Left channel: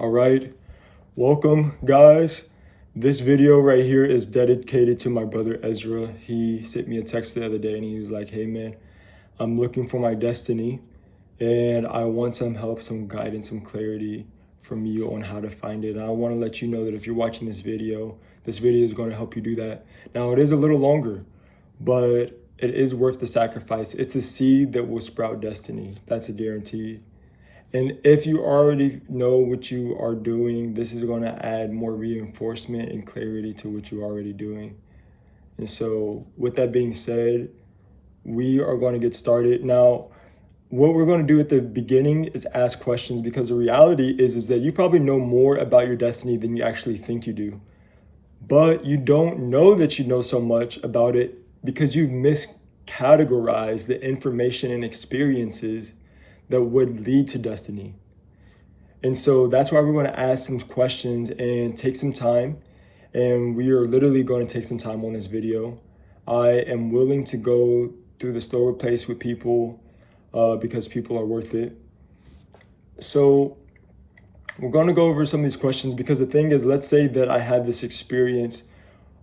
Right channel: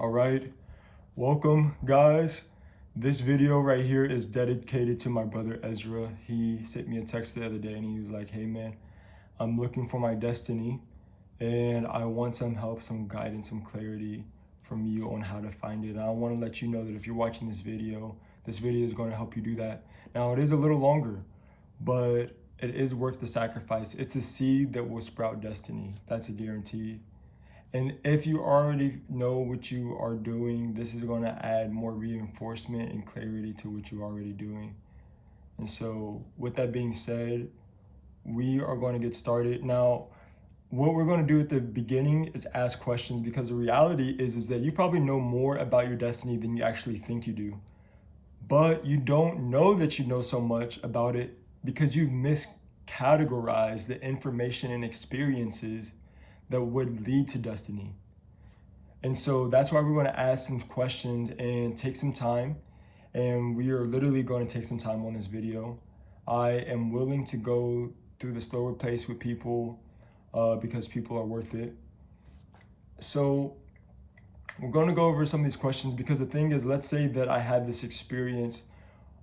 All right, welcome guys. This video right here is dedicated to my brother Ezra. He sent me a text the other day and he was like, hey man, I'm looking for my destiny and I want some help, some guidance, some clarity from you on how to find it. And I want to let you know that if you're watching this video is going to help you do that. Now it is a little longer, but it is worth the sacrifice. It's a seed that will sprout destiny. That's a guarantee. And if you already know what you are doing, this is going to add more reinforcement and clarity to what you're already doing. And so with that being said, we are going to get started. Now, what we're going to do at the beginning is ask questions, because the reality is that you probably know more about your destiny than you actually think you do. But you don't know that you know so much about it because you've miscategorized the information and experiences that would lead to destiny. And so that's why we're going to ask some questions and take some time. And we are literally going to take some time on this video. I am willing to go through the slower pace with people because people are worth it. So we're going to go over some of these questions because the thing is, let's say that I had this experience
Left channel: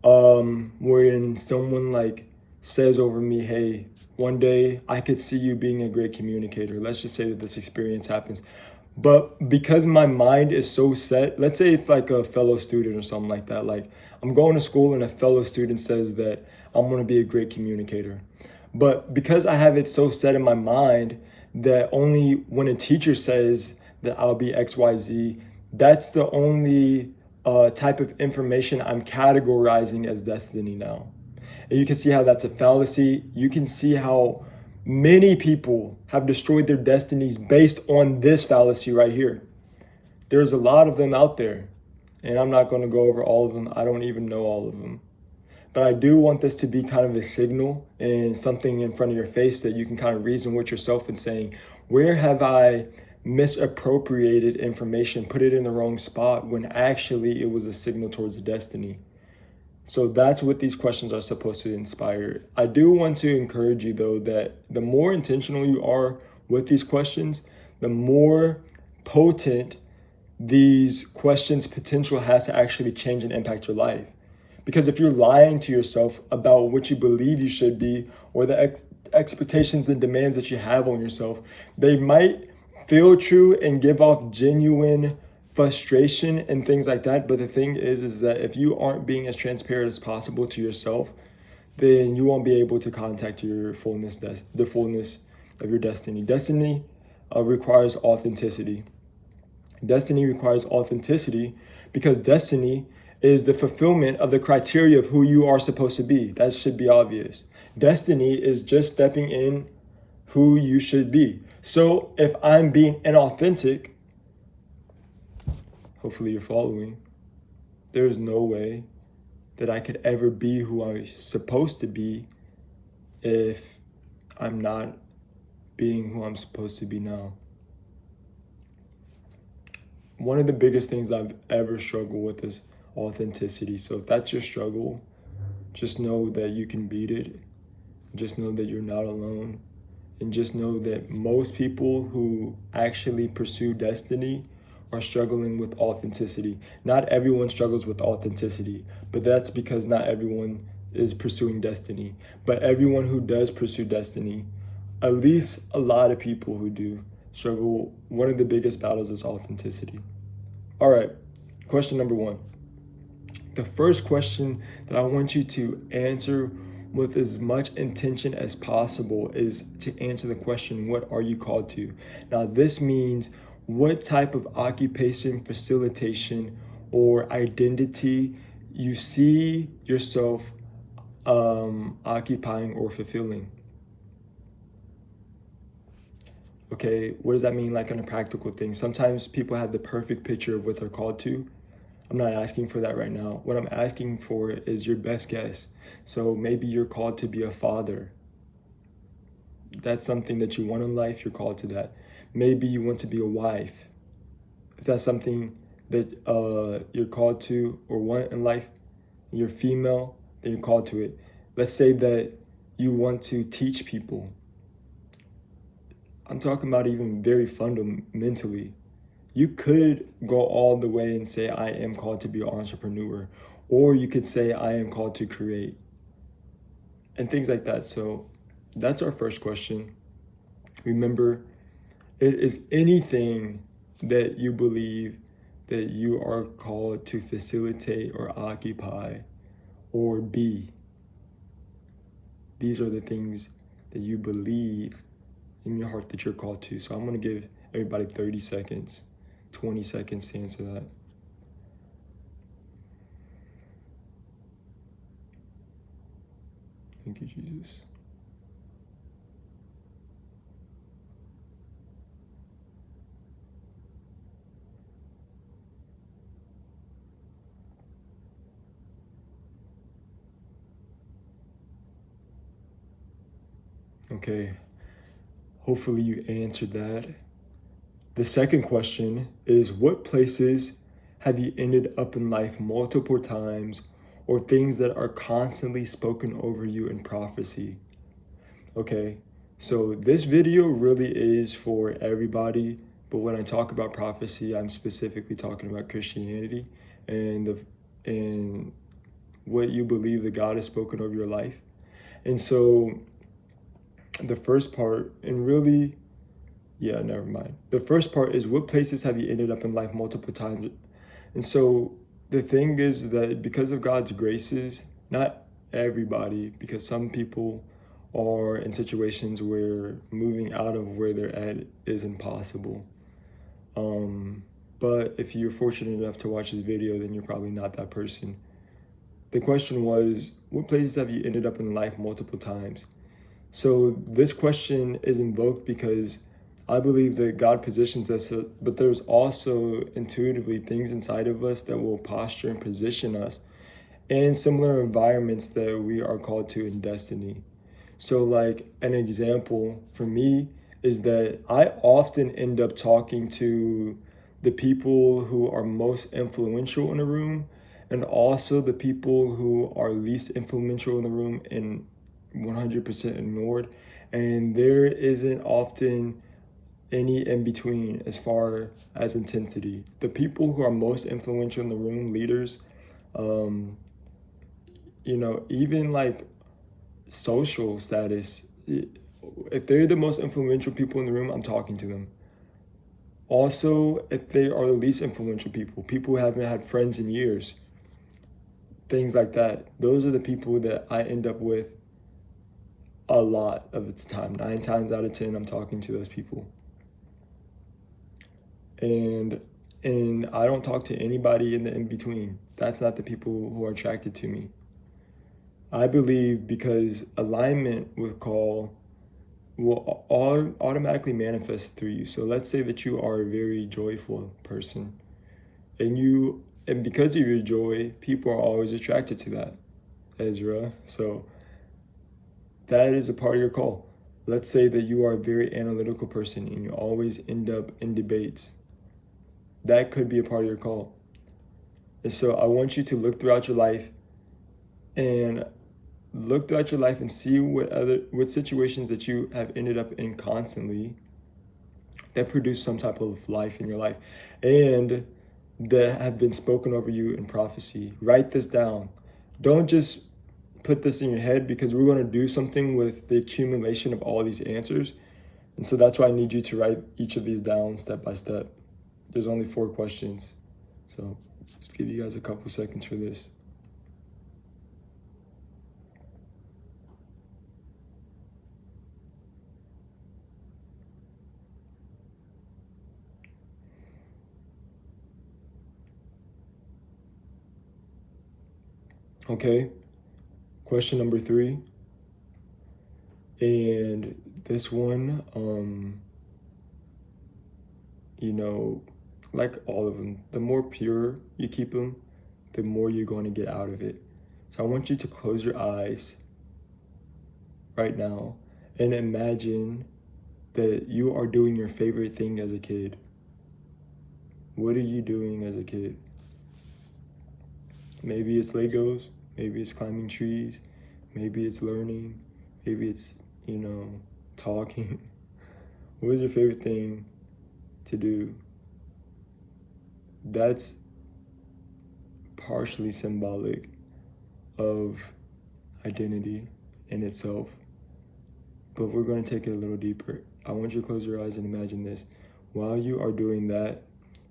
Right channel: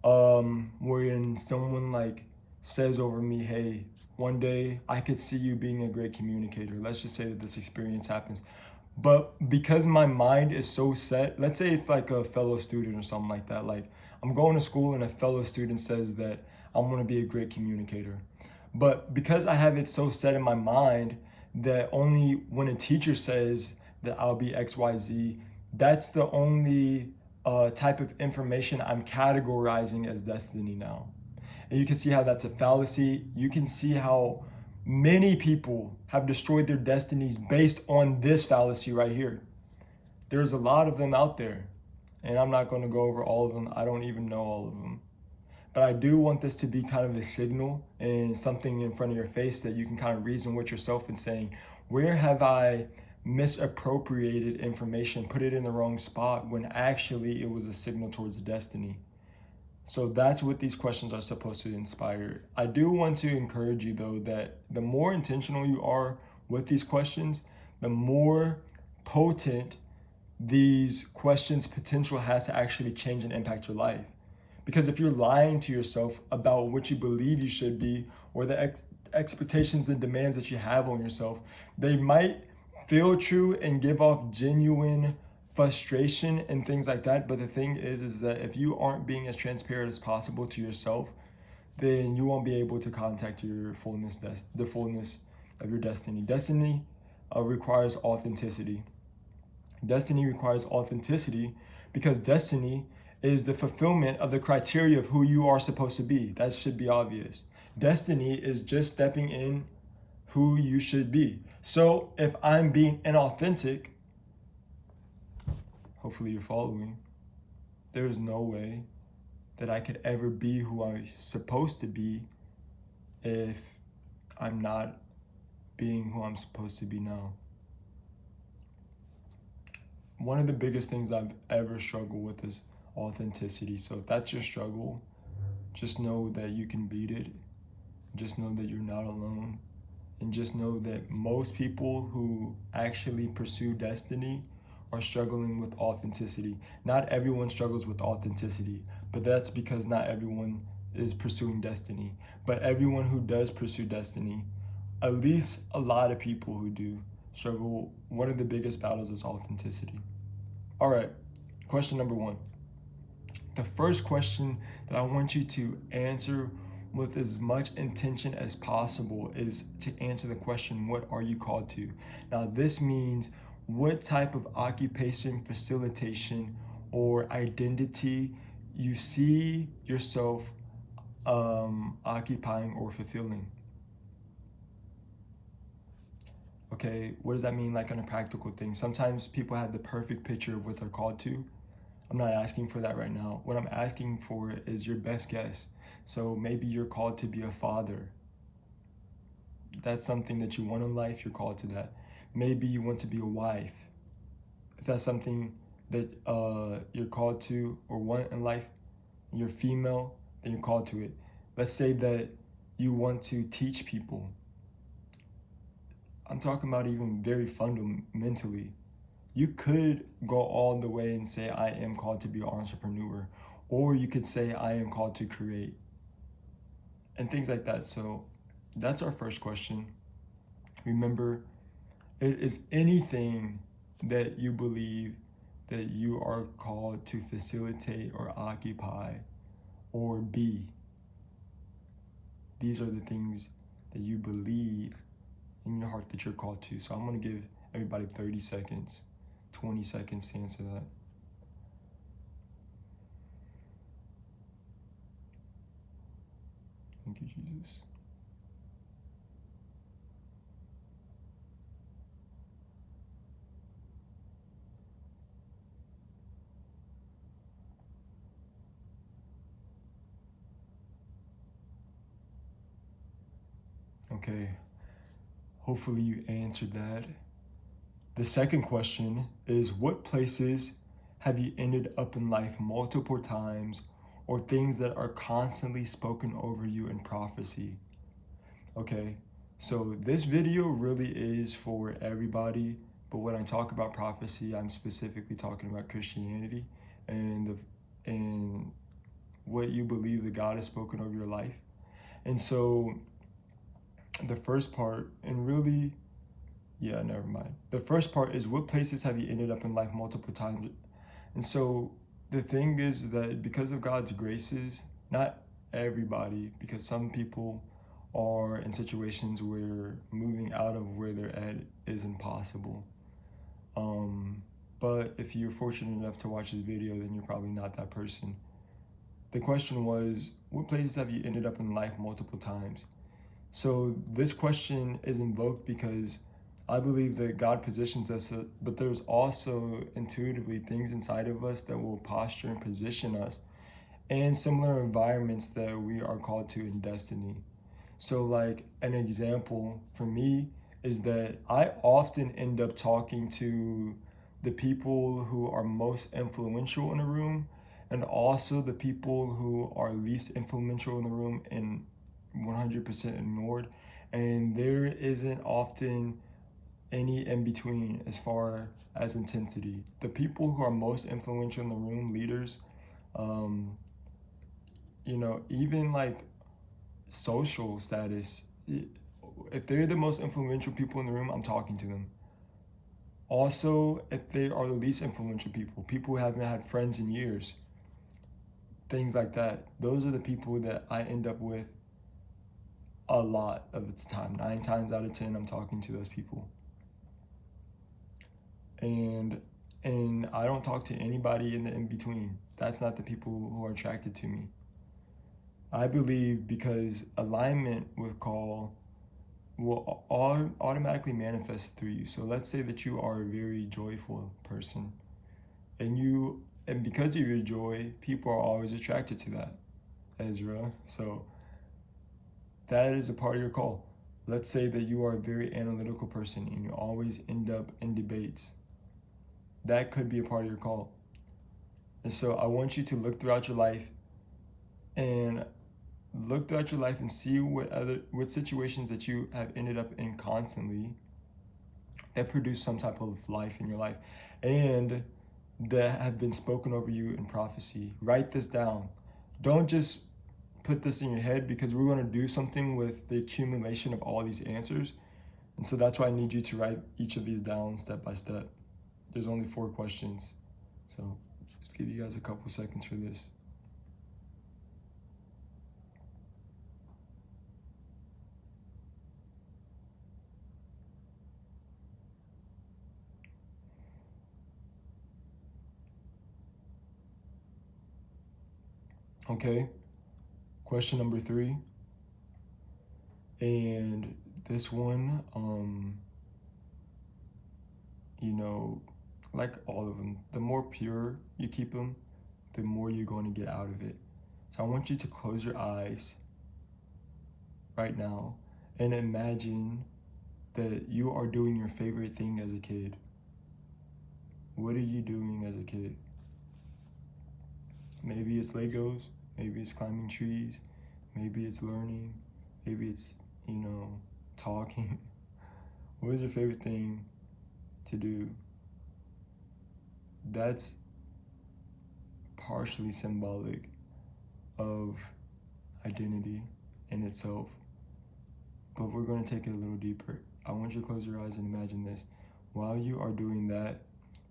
wherein someone like says over me, hey, one day I could see you being a great communicator. Let's just say that this experience happens. But because my mind is so set, let's say it's like a fellow student or something like that. Like I'm going to school and a fellow student says that I'm going to be a great communicator. But because I have it so set in my mind that only when a teacher says that I'll be XYZ, that's the only type of information I'm categorizing as destiny now. And you can see how that's a fallacy. You can see how many people have destroyed their destinies based on this fallacy right here. There's a lot of them out there, and I'm not going to go over all of them. I don't even know all of them. But I do want this to be kind of a signal and something in front of your face that you can kind of reason with yourself and saying, where have I misappropriated information, put it in the wrong spot when actually it was a signal towards destiny? So that's what these questions are supposed to inspire. I do want to encourage you though that the more intentional you are with these questions, the more potent these questions' potential has to actually change and impact your life. Because if you're lying to yourself about what you believe you should be or the expectations and demands that you have on yourself, they might feel true and give off genuine frustration and things like that. But the thing is that if you aren't being as transparent as possible to yourself, then you won't be able to contact your fullness, the fullness of your destiny. Destiny requires authenticity. Destiny requires authenticity because destiny is the fulfillment of the criteria of who you are supposed to be. That should be obvious. Destiny is just stepping in who you should be. So if I'm being inauthentic, hopefully you're following, there is no way that I could ever be who I'm supposed to be if I'm not being who I'm supposed to be now. One of the biggest things I've ever struggled with is authenticity. So if that's your struggle, just know that you can beat it. Just know that you're not alone. And just know that most people who actually pursue destiny are struggling with authenticity. Not everyone struggles with authenticity, but that's because not everyone is pursuing destiny. But everyone who does pursue destiny, at least a lot of people who do struggle, one of the biggest battles is authenticity. All right, question number one. The first question that I want you to answer with as much intention as possible is to answer the question, what are you called to? Now, this means what type of occupation, facilitation, or identity you see yourself occupying or fulfilling. Okay, what does that mean like on a practical thing? Sometimes people have the perfect picture of what they're called to. I'm not asking for that right now. What I'm asking for is your best guess. So maybe you're called to be a father. That's something that you want in life, you're called to that. Maybe you want to be a wife. If that's something that you're called to or want in life, and you're female, then you're called to it. Let's say that you want to teach people. I'm talking about even very fundamentally. You could go all the way and say, I am called to be an entrepreneur, or you could say, I am called to create, and things like that. So that's our first question. Remember, it is anything that you believe that you are called to facilitate or occupy or be. These are the things that you believe in your heart that you're called to. So I'm going to give everybody 30 seconds, 20 seconds to answer that. Thank you, Jesus. Okay, hopefully you answered that. The second question is, what places have you ended up in life multiple times, or things that are constantly spoken over you in prophecy? Okay, so this video really is for everybody, but when I talk about prophecy, I'm specifically talking about Christianity and what you believe that God has spoken over your life. And so the first part, and really, yeah, never mind. The first part is, what places have you ended up in life multiple times? And so the thing is that because of God's graces, not everybody, because some people are in situations where moving out of where they're at is impossible. But if you're fortunate enough to watch this video, then you're probably not that person. The question was, what places have you ended up in life multiple times? So this question is invoked because I believe that God positions us, but there's also intuitively things inside of us that will posture and position us in similar environments that we are called to in destiny. So like an example for me is that I often end up talking to the people who are most influential in the room, and also the people who are least influential in the room and 100% ignored. And there isn't often any in between as far as intensity. The people who are most influential in the room, leaders, even like social status, if they're the most influential people in the room, I'm talking to them. Also, if they are the least influential people, people who haven't had friends in years, things like that, those are the people that I end up with a lot of its time. 9 times out of 10, I'm talking to those people. And I don't talk to anybody in the in-between. That's not the people who are attracted to me. I believe because alignment with call will automatically manifest through you. So let's say that you are a very joyful person, and because of your joy, people are always attracted to that, Ezra. So that is a part of your call. Let's say that you are a very analytical person and you always end up in debates. That could be a part of your call. And so I want you to look throughout your life and see what situations that you have ended up in constantly that produce some type of life in your life and that have been spoken over you in prophecy. Write this down. Don't just put this in your head, because we're going to do something with the accumulation of all these answers. And so that's why I need you to write each of these down step by step. There's only 4 questions. So just give you guys a couple seconds for this. Okay, question number 3. And this one, like all of them, the more pure you keep them, the more you're going to get out of it. So I want you to close your eyes right now and imagine that you are doing your favorite thing as a kid. What are you doing as a kid? Maybe it's Legos, maybe it's climbing trees, maybe it's learning, maybe it's, talking. What is your favorite thing to do? that's partially symbolic of identity in itself. But we're going to take it a little deeper. I want you to close your eyes and imagine this. While you are doing that,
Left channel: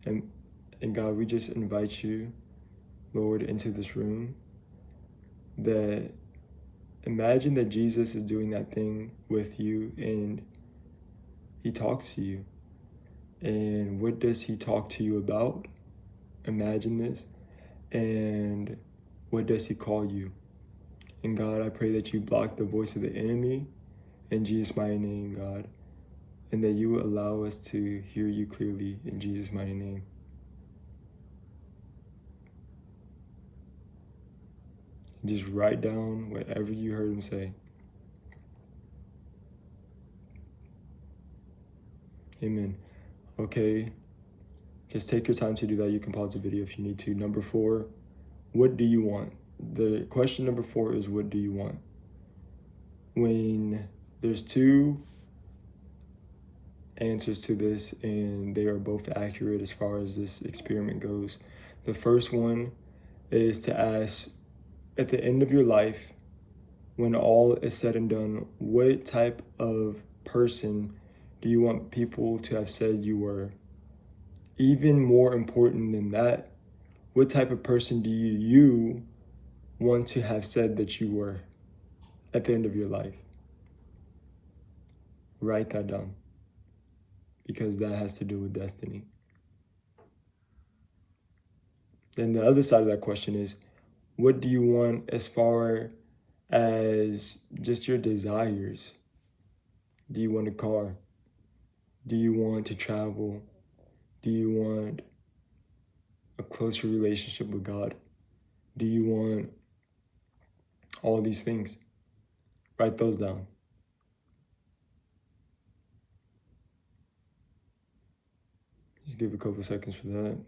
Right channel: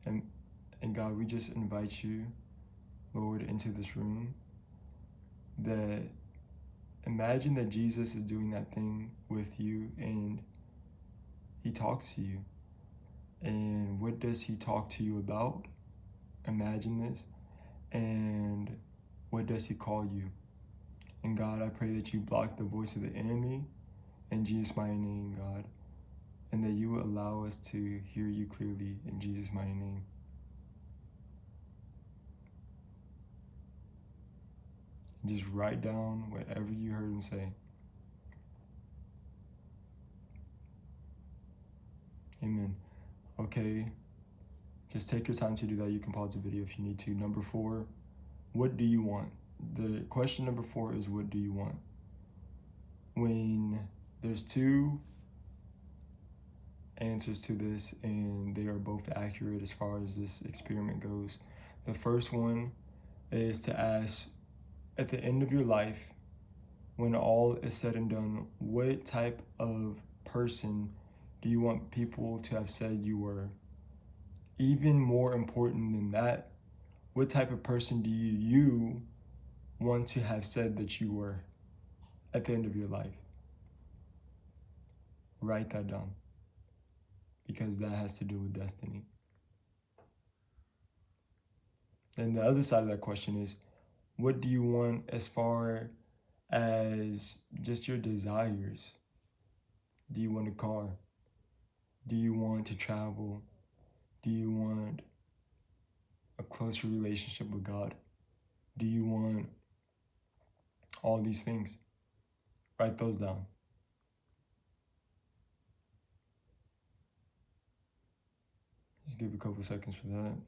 and God, we just invite you, Lord, into this room, that imagine that Jesus is doing that thing with you and he talks to you. And what does he talk to you about? Imagine this. And what does he call you? And God, I pray that you block the voice of the enemy in Jesus' mighty name, God. And that you will allow us to hear you clearly in Jesus' mighty name. And just write down whatever you heard him say. Amen. Okay, just take your time to do that. You can pause the video if you need to. Number 4, what do you want? The question number 4 is, what do you want? When there's 2 answers to this, and they are both accurate as far as this experiment goes. The first one is to ask, at the end of your life, when all is said and done, what type of person do you want people to have said you were? Even more important than that, what type of person do you want to have said that you were at the end of your life? Write that down, because that has to do with destiny. Then the other side of that question is, what do you want as far as just your desires? Do you want a car? Do you want to travel? Do you want a closer relationship with God? Do you want all these things? Write those down. Just give a couple seconds for that.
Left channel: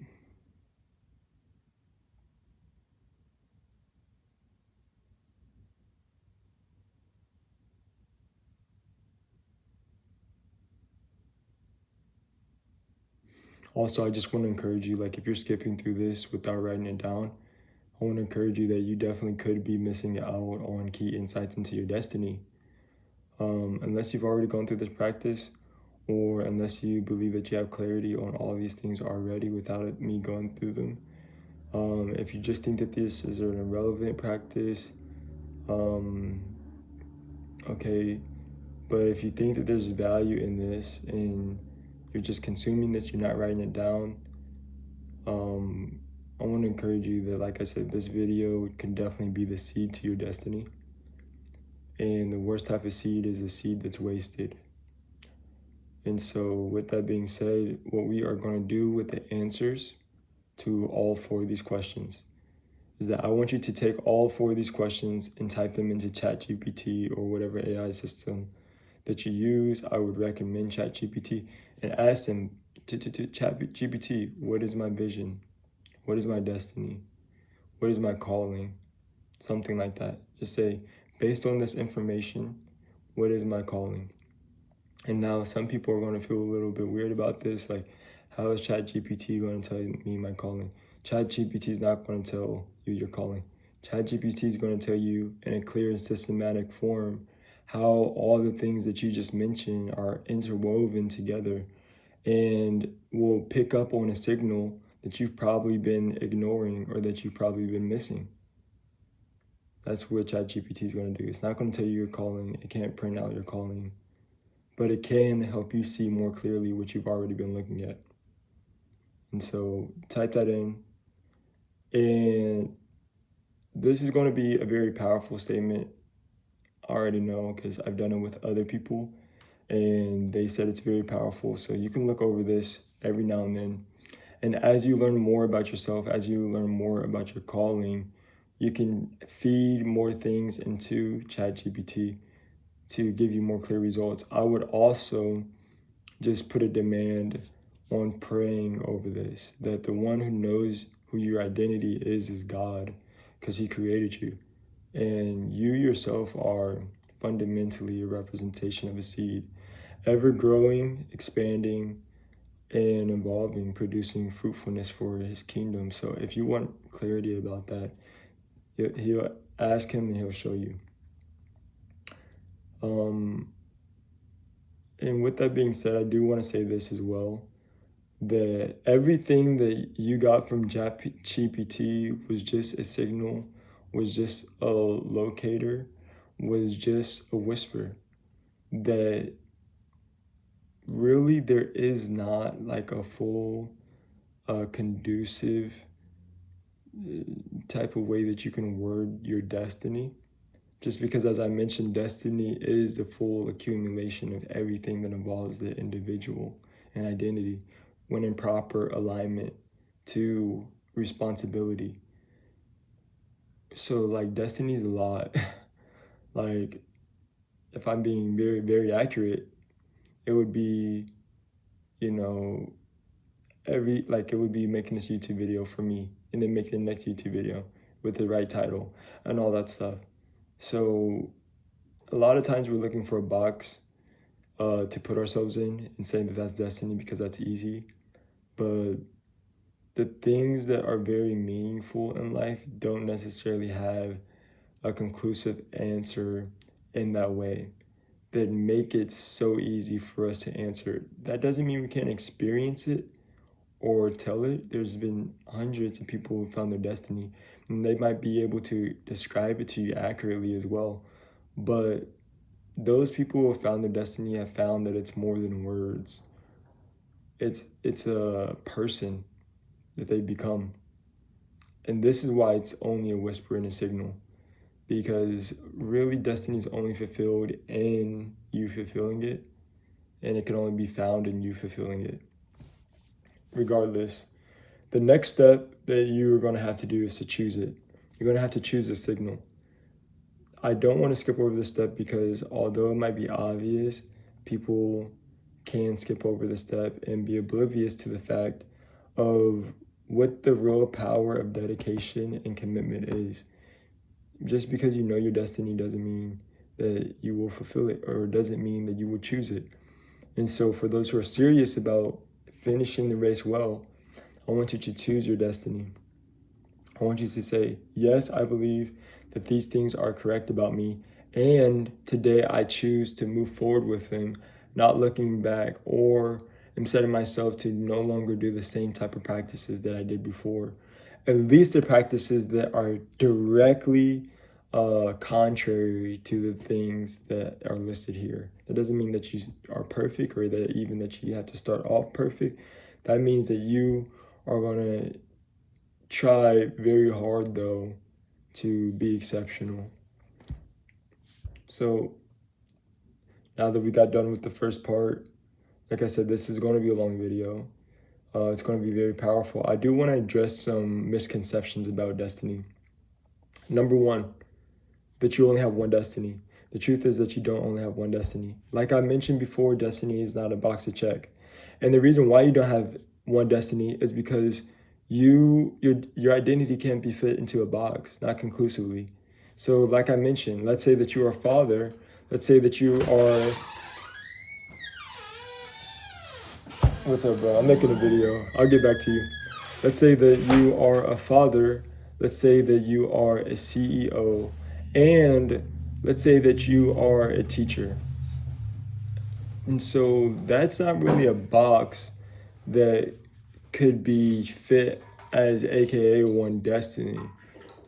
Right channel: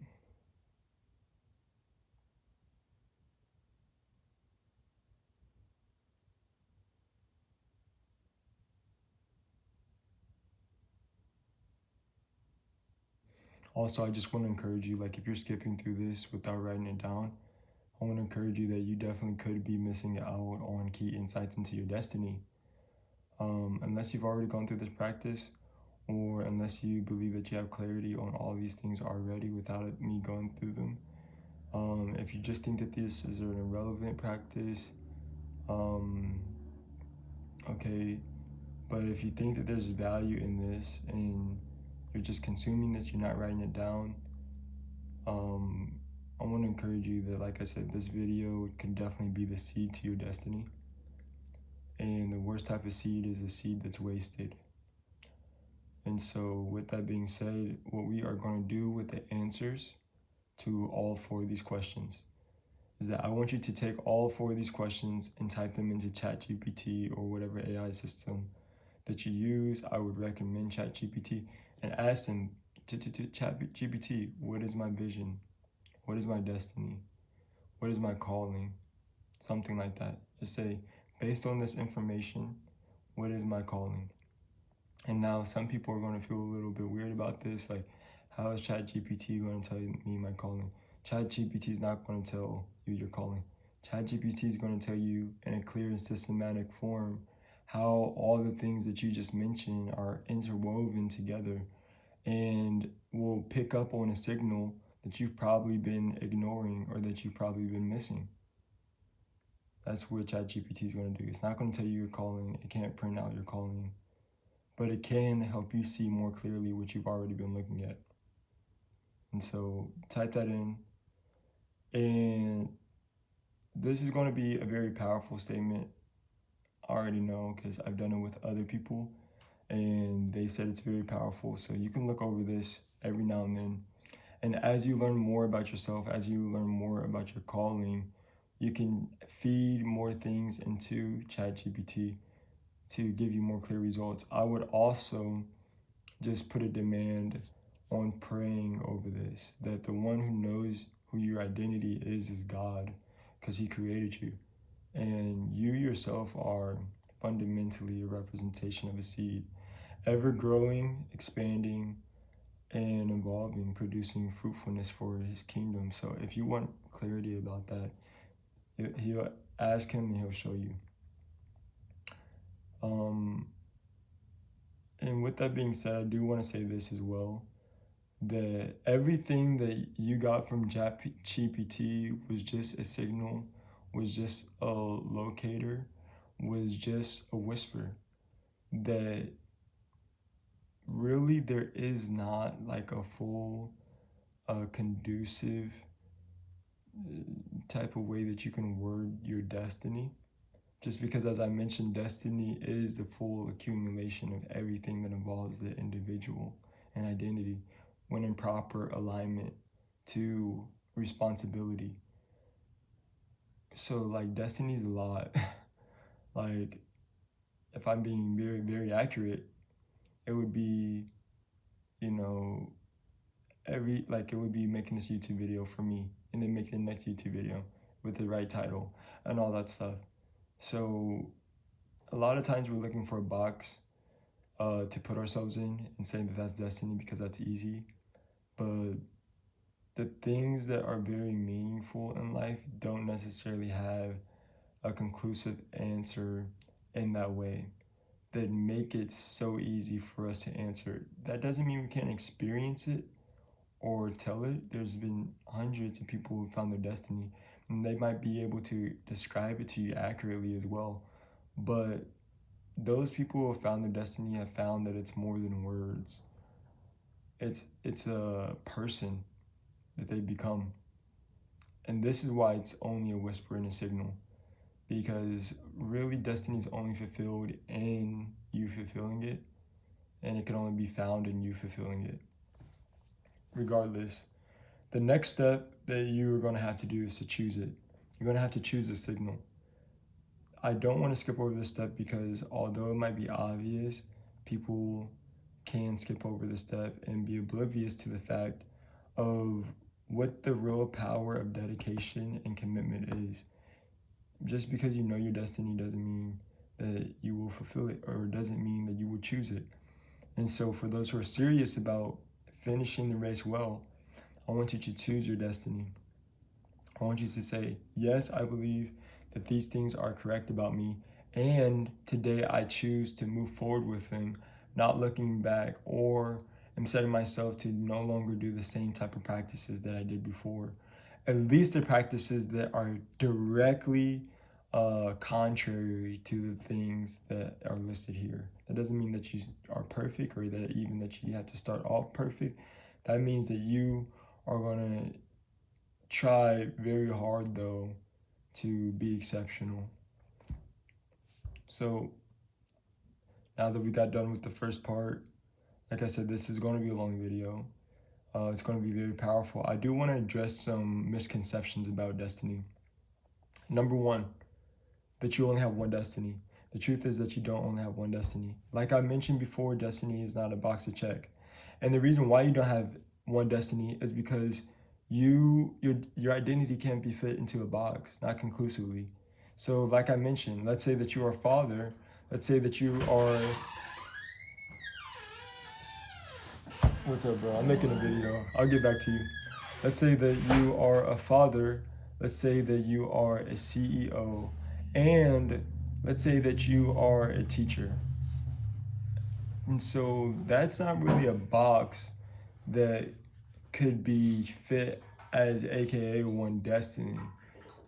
Also, I just want to encourage you, like if you're skipping through this without writing it down, I want to encourage you that you definitely could be missing out on key insights into your destiny. Unless you've already gone through this practice, or unless you believe that you have clarity on all these things already without me going through them. If you just think that this is an irrelevant practice, okay, but if you think that there's value in this and you're just consuming this, you're not writing it down, I want to encourage you that, like I said, this video can definitely be the seed to your destiny. And the worst type of seed is a seed that's wasted. And so with that being said, what we are going to do with the answers to all 4 of these questions is that I want you to take all 4 of these questions and type them into ChatGPT or whatever AI system that you use. I would recommend ChatGPT, and ask them to ChatGPT, what is my vision? What is my destiny? What is my calling? Something like that. Just say, based on this information, what is my calling? And now some people are going to feel a little bit weird about this. Like, how is ChatGPT going to tell me my calling? ChatGPT is not going to tell you your calling. ChatGPT is going to tell you in a clear and systematic form how all the things that you just mentioned are interwoven together, and will pick up on a signal that you've probably been ignoring or that you've probably been missing. That's what ChatGPT is going to do. It's not going to tell you your calling. It can't print out your calling, but it can help you see more clearly what you've already been looking at. And so type that in. And this is going to be a very powerful statement. I already know, because I've done it with other people and they said it's very powerful. So you can look over this every now and then. And as you learn more about yourself, as you learn more about your calling, you can feed more things into ChatGPT to give you more clear results. I would also just put a demand on praying over this, that the one who knows who your identity is God, because he created you. And you yourself are fundamentally a representation of a seed, ever growing, expanding, and evolving, producing fruitfulness for his kingdom. So if you want clarity about that, he'll ask him and he'll show you. And with that being said, I do want to say this as well, that everything that you got from ChatGPT was just a signal, was just a locator, was just a whisper, that really there is not like a full conducive type of way that you can word your destiny. Just because, as I mentioned, destiny is the full accumulation of everything that involves the individual and identity when in proper alignment to responsibility. So like destiny is a lot. Like if I'm being very, very accurate, it would be, you know, it would be making this YouTube video for me and then making the next YouTube video with the right title and all that stuff. So a lot of times we're looking for a box to put ourselves in and saying that that's destiny because that's easy. But the things that are very meaningful in life don't necessarily have a conclusive answer in that way that make it so easy for us to answer it. That doesn't mean we can't experience it or tell it. There's been hundreds of people who found their destiny, and they might be able to describe it to you accurately as well. But those people who have found their destiny have found that it's more than words. It's a person that they become. And this is why it's only a whisper and a signal, because really destiny is only fulfilled in you fulfilling it, and it can only be found in you fulfilling it. Regardless, the next step that you're going to have to do is to choose it. You're going to have to choose a signal. I don't want to skip over this step because although it might be obvious, people can skip over the step and be oblivious to the fact of what the real power of dedication and commitment is. Just because you know your destiny doesn't mean that you will fulfill it, or doesn't mean that you will choose it. And so for those who are serious about finishing the race well, I want you to choose your destiny. I want you to say, yes, I believe that these things are correct about me, and today I choose to move forward with them, not looking back, or I'm setting myself to no longer do the same type of practices that I did before. At least the practices that are directly contrary to the things that are listed here. That doesn't mean that you are perfect, or that even that you have to start off perfect. That means that you are going to try very hard, though, to be exceptional. So now that we got done with the first part, like I said, this is going to be a long video. It's going to be very powerful. I do want to address some misconceptions about destiny. Number one, that you only have one destiny. The truth is that you don't only have one destiny. Like I mentioned before, destiny is not a box to check. And the reason why you don't have one destiny is because your identity can't be fit into a box, not conclusively. So like I mentioned, let's say that you are a father. Let's say that you are... What's up, bro? I'm making a video. I'll get back to you. Let's say that you are a father. Let's say that you are a CEO. And let's say that you are a teacher. And so that's not really a box that could be fit as AKA one destiny.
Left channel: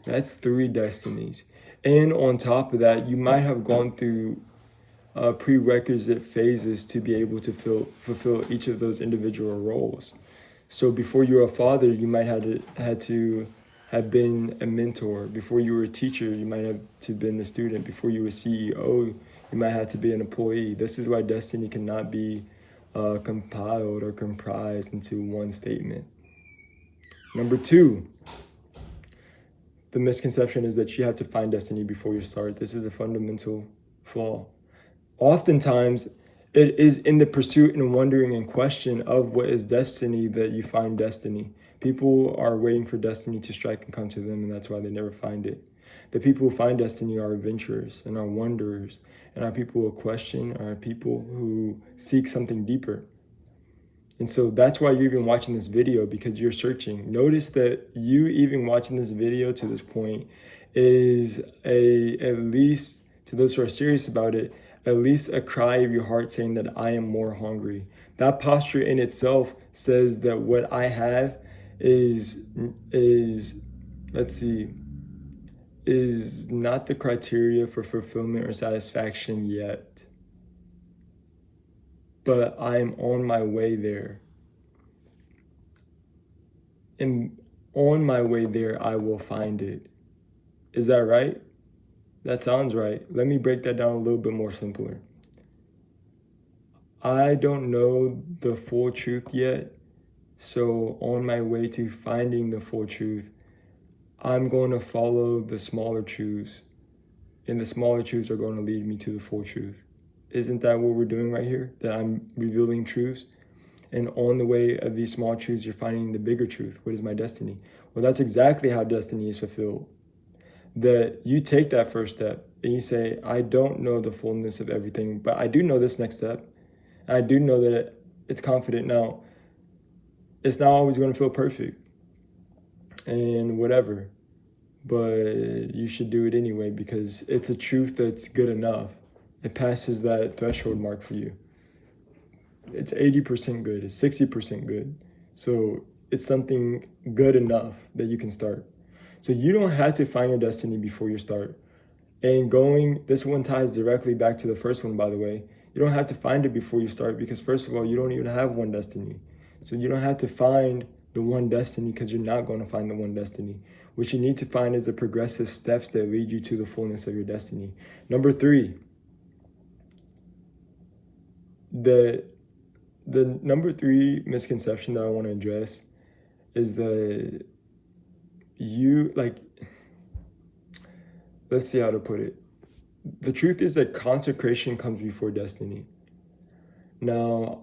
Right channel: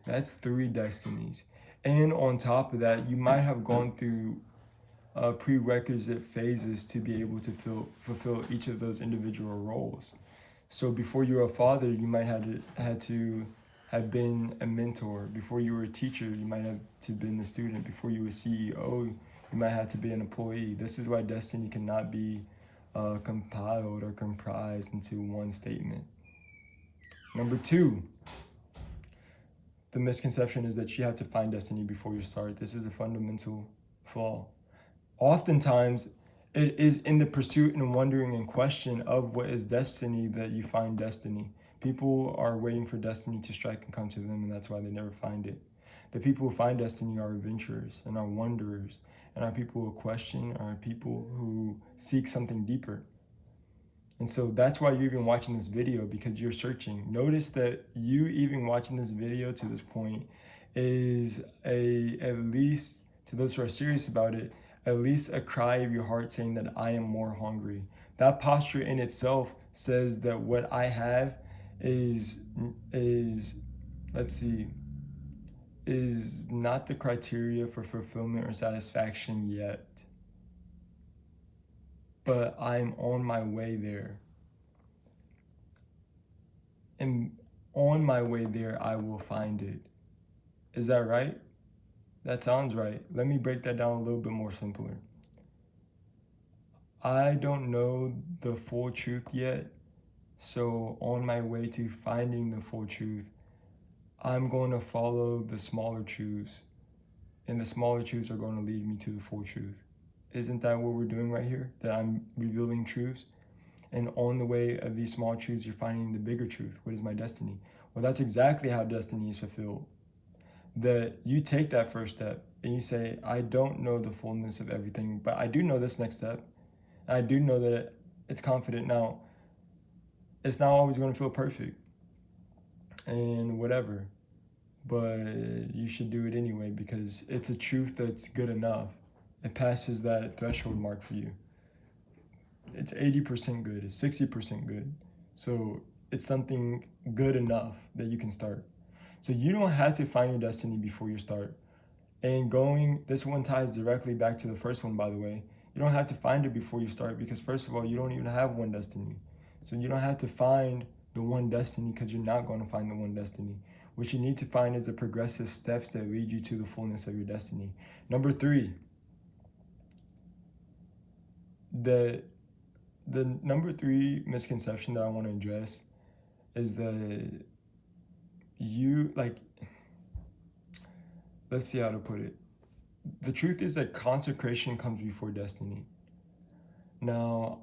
That's three destinies. And on top of that, you might have gone through prerequisite phases to be able to fulfill each of those individual roles. So before you were a father, you might had to have been a mentor. Before you were a teacher, you might have to been a student. Before you were a CEO, you might have to be an employee. This is why destiny cannot be compiled or comprised into one statement. Number two, the misconception is that you have to find destiny before you start. This is a fundamental flaw. Oftentimes, it is in the pursuit and wondering and question of what is destiny that you find destiny. People are waiting for destiny to strike and come to them, and that's why they never find it. The people who find destiny are adventurers and are wanderers, and are people who question, are people who seek something deeper. And so that's why you're even watching this video, because you're searching. Notice that you even watching this video to this point is at least, to those who are serious about it, at least a cry of your heart saying that I am more hungry. That posture in itself says that what I have is let's see, is not the criteria for fulfillment or satisfaction yet, but I'm on my way there. And on my way there, I will find it. Is that right? That sounds right. Let me break that down a little bit more simpler. I don't know the full truth yet. So on my way to finding the full truth, I'm going to follow the smaller truths. And the smaller truths are going to lead me to the full truth. Isn't that what we're doing right here? That I'm revealing truths? And on the way of these small truths, you're finding the bigger truth. What is my destiny? Well, that's exactly how destiny is fulfilled. That you take that first step and you say, I don't know the fullness of everything, but I do know this next step. I do know that it's confident. Now, it's not always going to feel perfect and whatever, but you should do it anyway because it's a truth that's good enough. It passes that threshold mark for you. It's 80% good, it's 60% good. So it's something good enough that you can start. So you don't have to find your destiny before you start. And this one ties directly back to the first one, by the way. You don't have to find it before you start because first of all, you don't even have one destiny. So you don't have to find the one destiny because you're not going to find the one destiny. What you need to find is the progressive steps that lead you to the fullness of your destiny. Number 3, the number 3 misconception that I want to address is that let's see how to put it. The truth is that consecration comes before destiny. Now,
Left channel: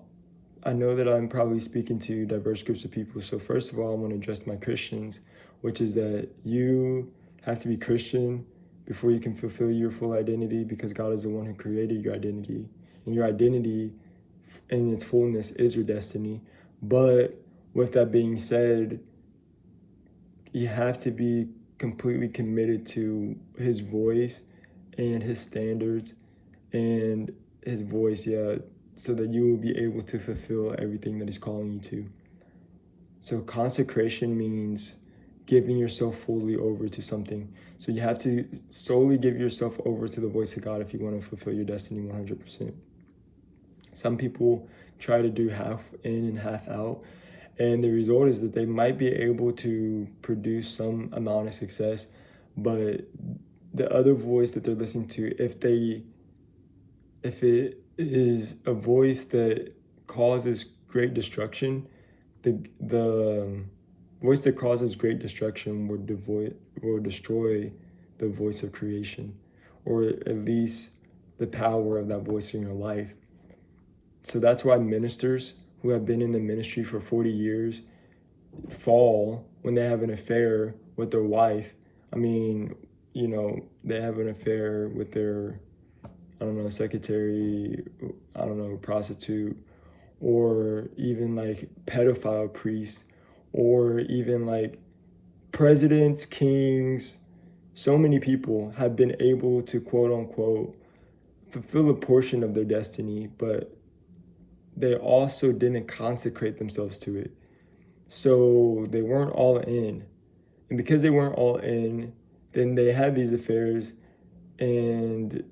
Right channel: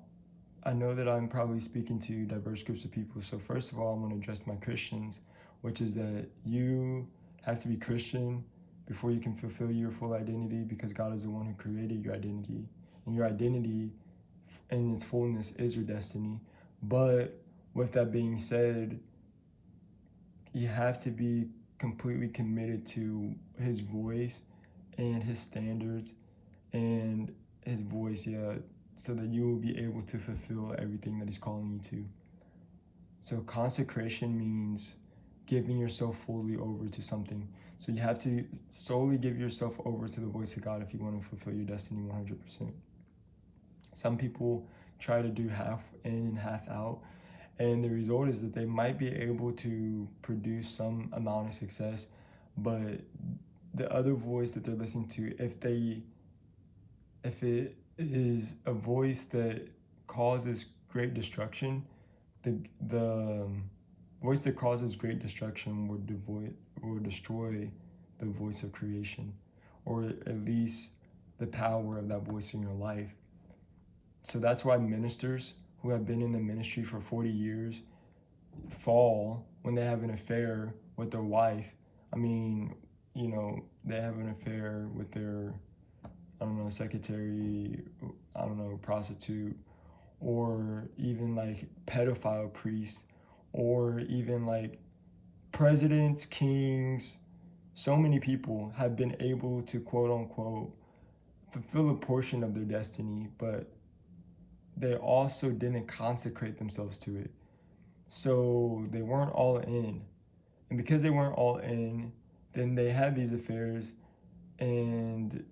I know that I'm probably speaking to diverse groups of people. So first of all, I want to address my Christians, which is that you have to be Christian before you can fulfill your full identity because God is the one who created your identity. And your identity in its fullness is your destiny. But with that being said, you have to be completely committed to his voice and his standards and his voice, so that you will be able to fulfill everything that he's calling you to. So consecration means giving yourself fully over to something. So you have to solely give yourself over to the voice of God if you want to fulfill your destiny 100%. Some people try to do half in and half out, and the result is that they might be able to produce some amount of success, but the other voice that they're listening to, if it is a voice that causes great destruction, the voice that causes great destruction will destroy the voice of creation, or at least the power of that voice in your life. So that's why ministers who have been in the ministry for 40 years fall when they have an affair with their wife. I mean, they have an affair with their, secretary, prostitute, or even like pedophile priests, or even like presidents, kings. So many people have been able to, quote unquote, fulfill a portion of their destiny, but they also didn't consecrate themselves to it. So they weren't all in. And because they weren't all in, then they had these affairs and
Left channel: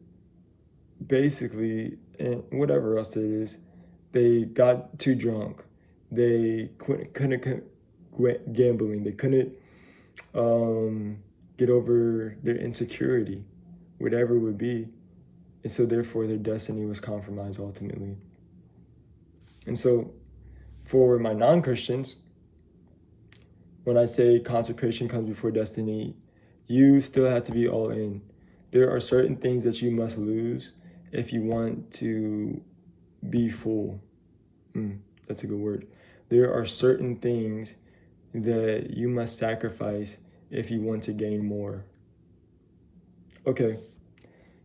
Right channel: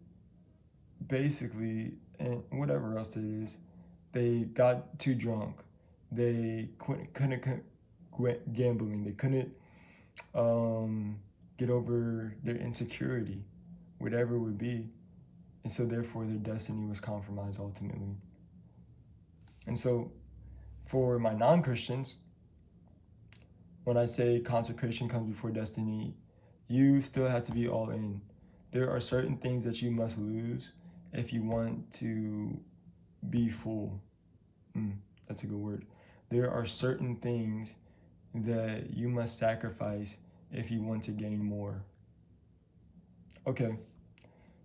basically, and whatever else it is, they got too drunk. They couldn't quit gambling. They couldn't get over their insecurity, whatever it would be. And so therefore their destiny was compromised ultimately. And so for my non-Christians, when I say consecration comes before destiny, you still have to be all in. There are certain things that you must lose if you want to be full. That's a good word. There are certain things that you must sacrifice if you want to gain more. Okay,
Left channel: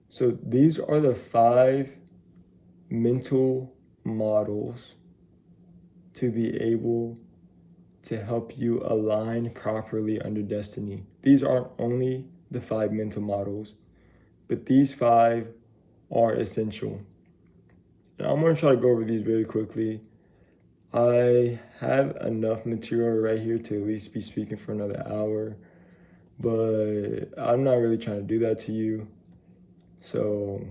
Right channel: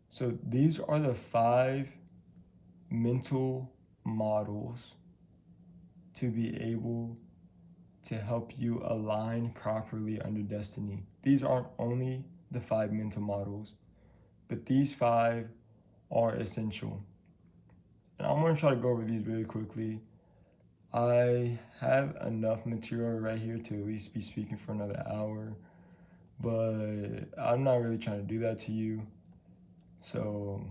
so these are the 5 mental models to be able to help you align properly under destiny. These aren't only the 5 mental models, but these 5 are essential. And I'm going to try to go over these very quickly. I have enough material right here to at least be speaking for another hour, but I'm not really trying to do that to you. So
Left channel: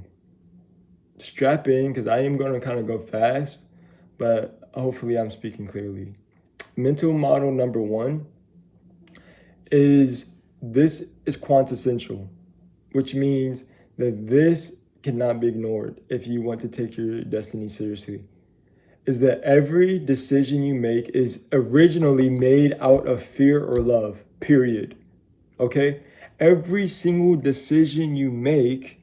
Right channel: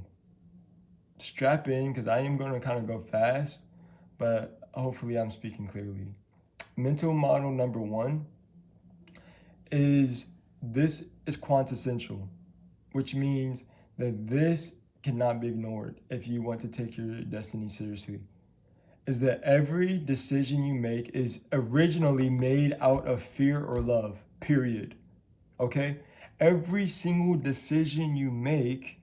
strap in, because I am going to kind of go fast, but hopefully I'm speaking clearly. Mental model number 1 is quintessential, which means that this cannot be ignored if you want to take your destiny seriously. Is that every decision you make is originally made out of fear or love, period. Okay? Every single decision you make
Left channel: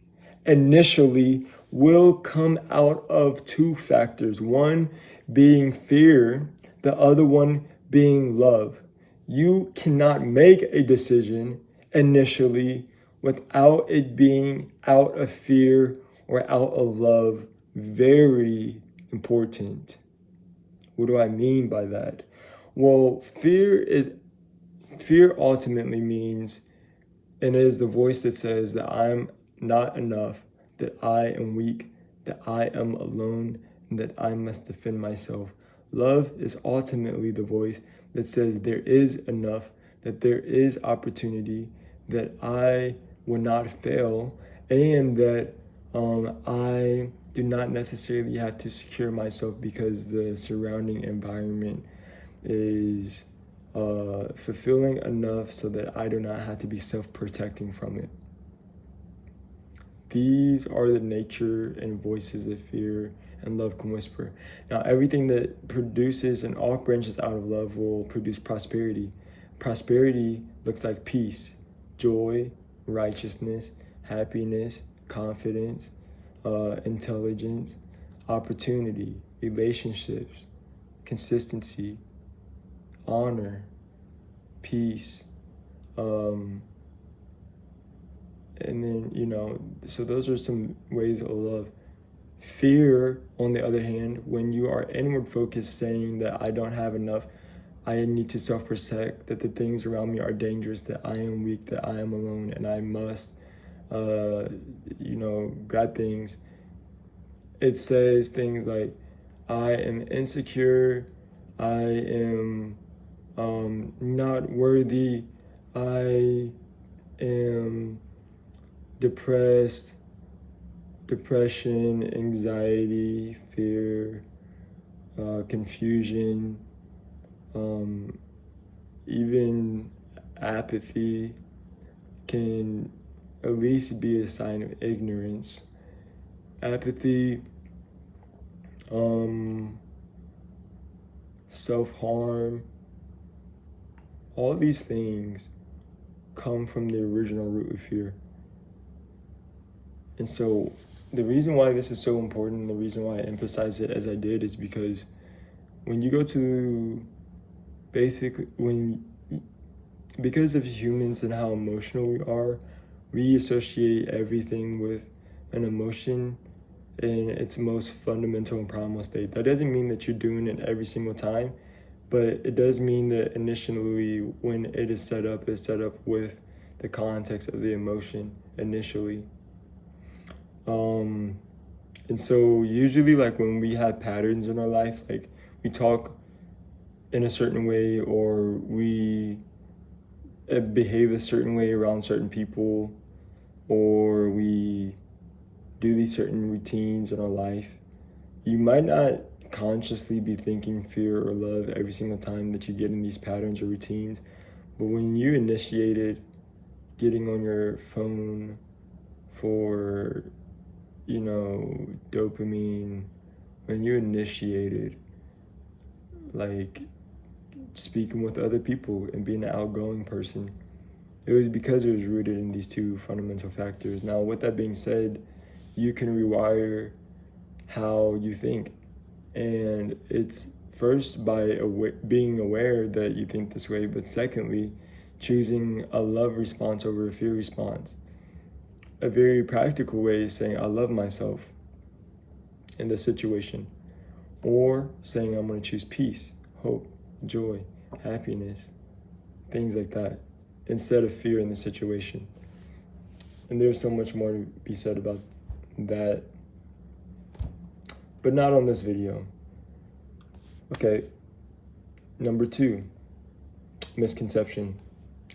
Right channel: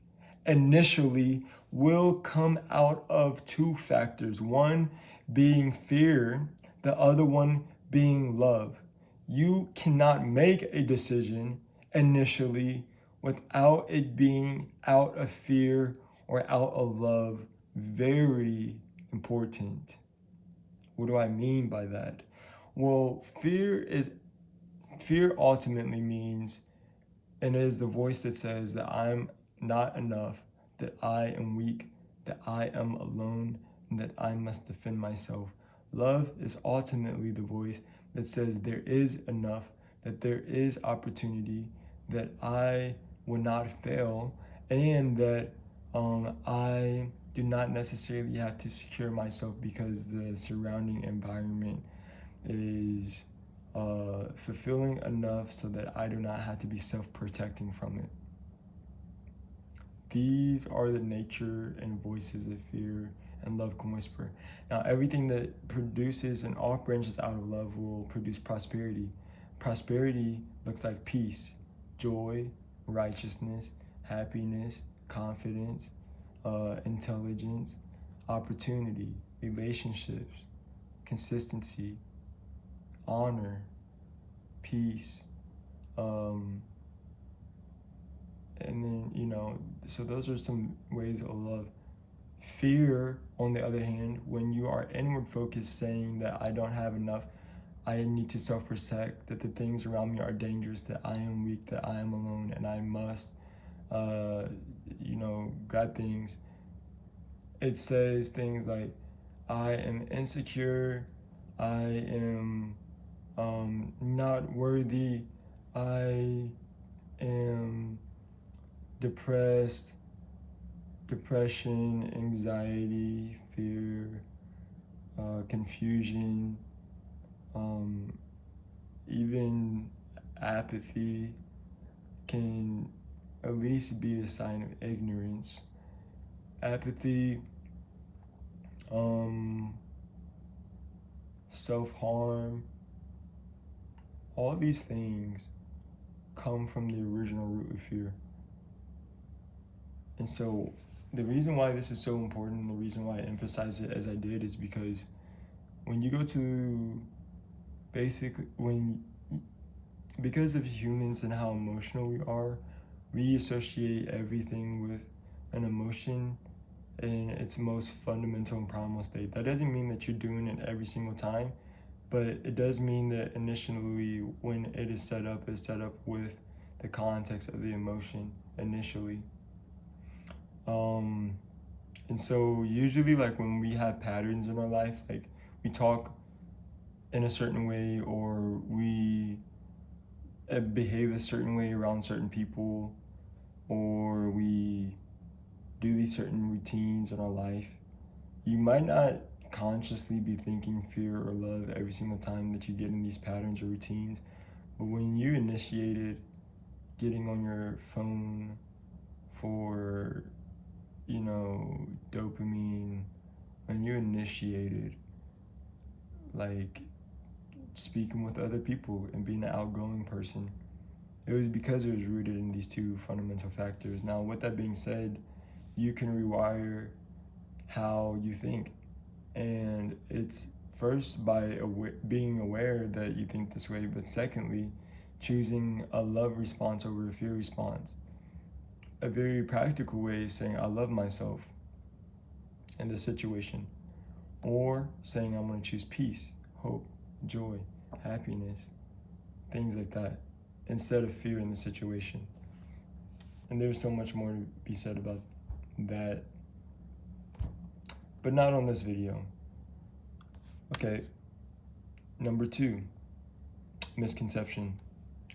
initially will come out of 2 factors. One being fear, the other one being love. You cannot make a decision initially without it being out of fear or out of love. Very important. What do I mean by that? Well, fear ultimately means, and it is the voice that says that I'm not enough, that I am weak, that I am alone, and that I must defend myself. Love is ultimately the voice that says there is enough, that there is opportunity, that I will not fail, and that I do not necessarily have to secure myself because the surrounding environment is fulfilling enough so that I do not have to be self-protecting from it. These are the nature and voices that fear and love can whisper. Now, everything that produces and all branches out of love will produce prosperity. Prosperity looks like peace, joy, righteousness, happiness, confidence, intelligence, opportunity, relationships, consistency, honor, peace, and then, so those are some ways of love. Fear, on the other hand, when you are inward focused, saying that I don't have enough, I need to self-protect, that the things around me are dangerous, that I am weak, that I am alone, and I must, grab things. It says things like, I am insecure, I am not worthy, I am depressed, depression, anxiety, fear, confusion, even apathy can at least be a sign of ignorance. Apathy, self-harm, all these things come from the original root of fear. And so the reason why this is so important, and the reason why I emphasize it as I did, is because when you go to because of humans and how emotional we are, we associate everything with an emotion in its most fundamental and primal state. That doesn't mean that you're doing it every single time, but it does mean that initially when it is set up, it's set up with the context of the emotion initially. And so usually, like, when we have patterns in our life, like we talk in a certain way, or we behave a certain way around certain people, or we do these certain routines in our life, you might not consciously be thinking fear or love every single time that you get in these patterns or routines. But when you initiated getting on your phone for dopamine, when you initiated like speaking with other people and being an outgoing person, it was because it was rooted in these 2 fundamental factors. Now, with that being said, you can rewire how you think, and it's first by being aware that you think this way, but secondly, choosing a love response over a fear response. A very practical way is saying, I love myself in this situation, or saying, I'm going to choose peace hope, joy, happiness, things like that, instead of fear in the situation. And there's so much more to be said about that, but not on this video. Okay, number 2, misconception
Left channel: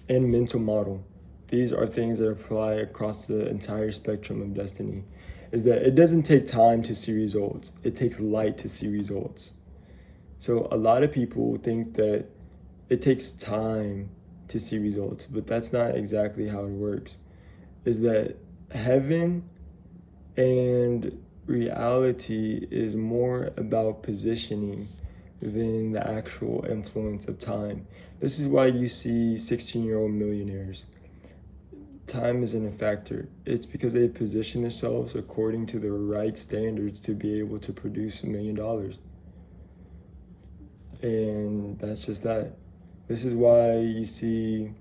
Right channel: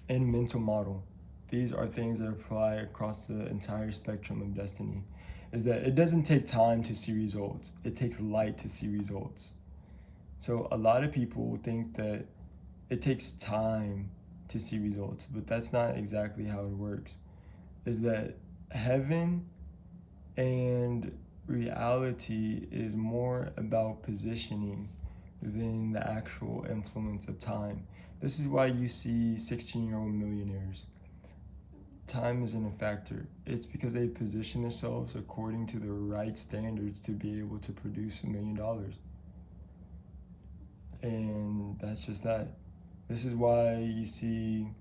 and mental model. These are things that apply across the entire spectrum of destiny, is that it doesn't take time to see results. It takes light to see results. So a lot of people think that it takes time to see results, but that's not exactly how it works. Is that heaven and reality is more about positioning than the actual influence of time. This is why you see 16-year-old millionaires. Time isn't a factor. It's because they position themselves according to the right standards to be able to produce $1 million. And that's just that. This is why you see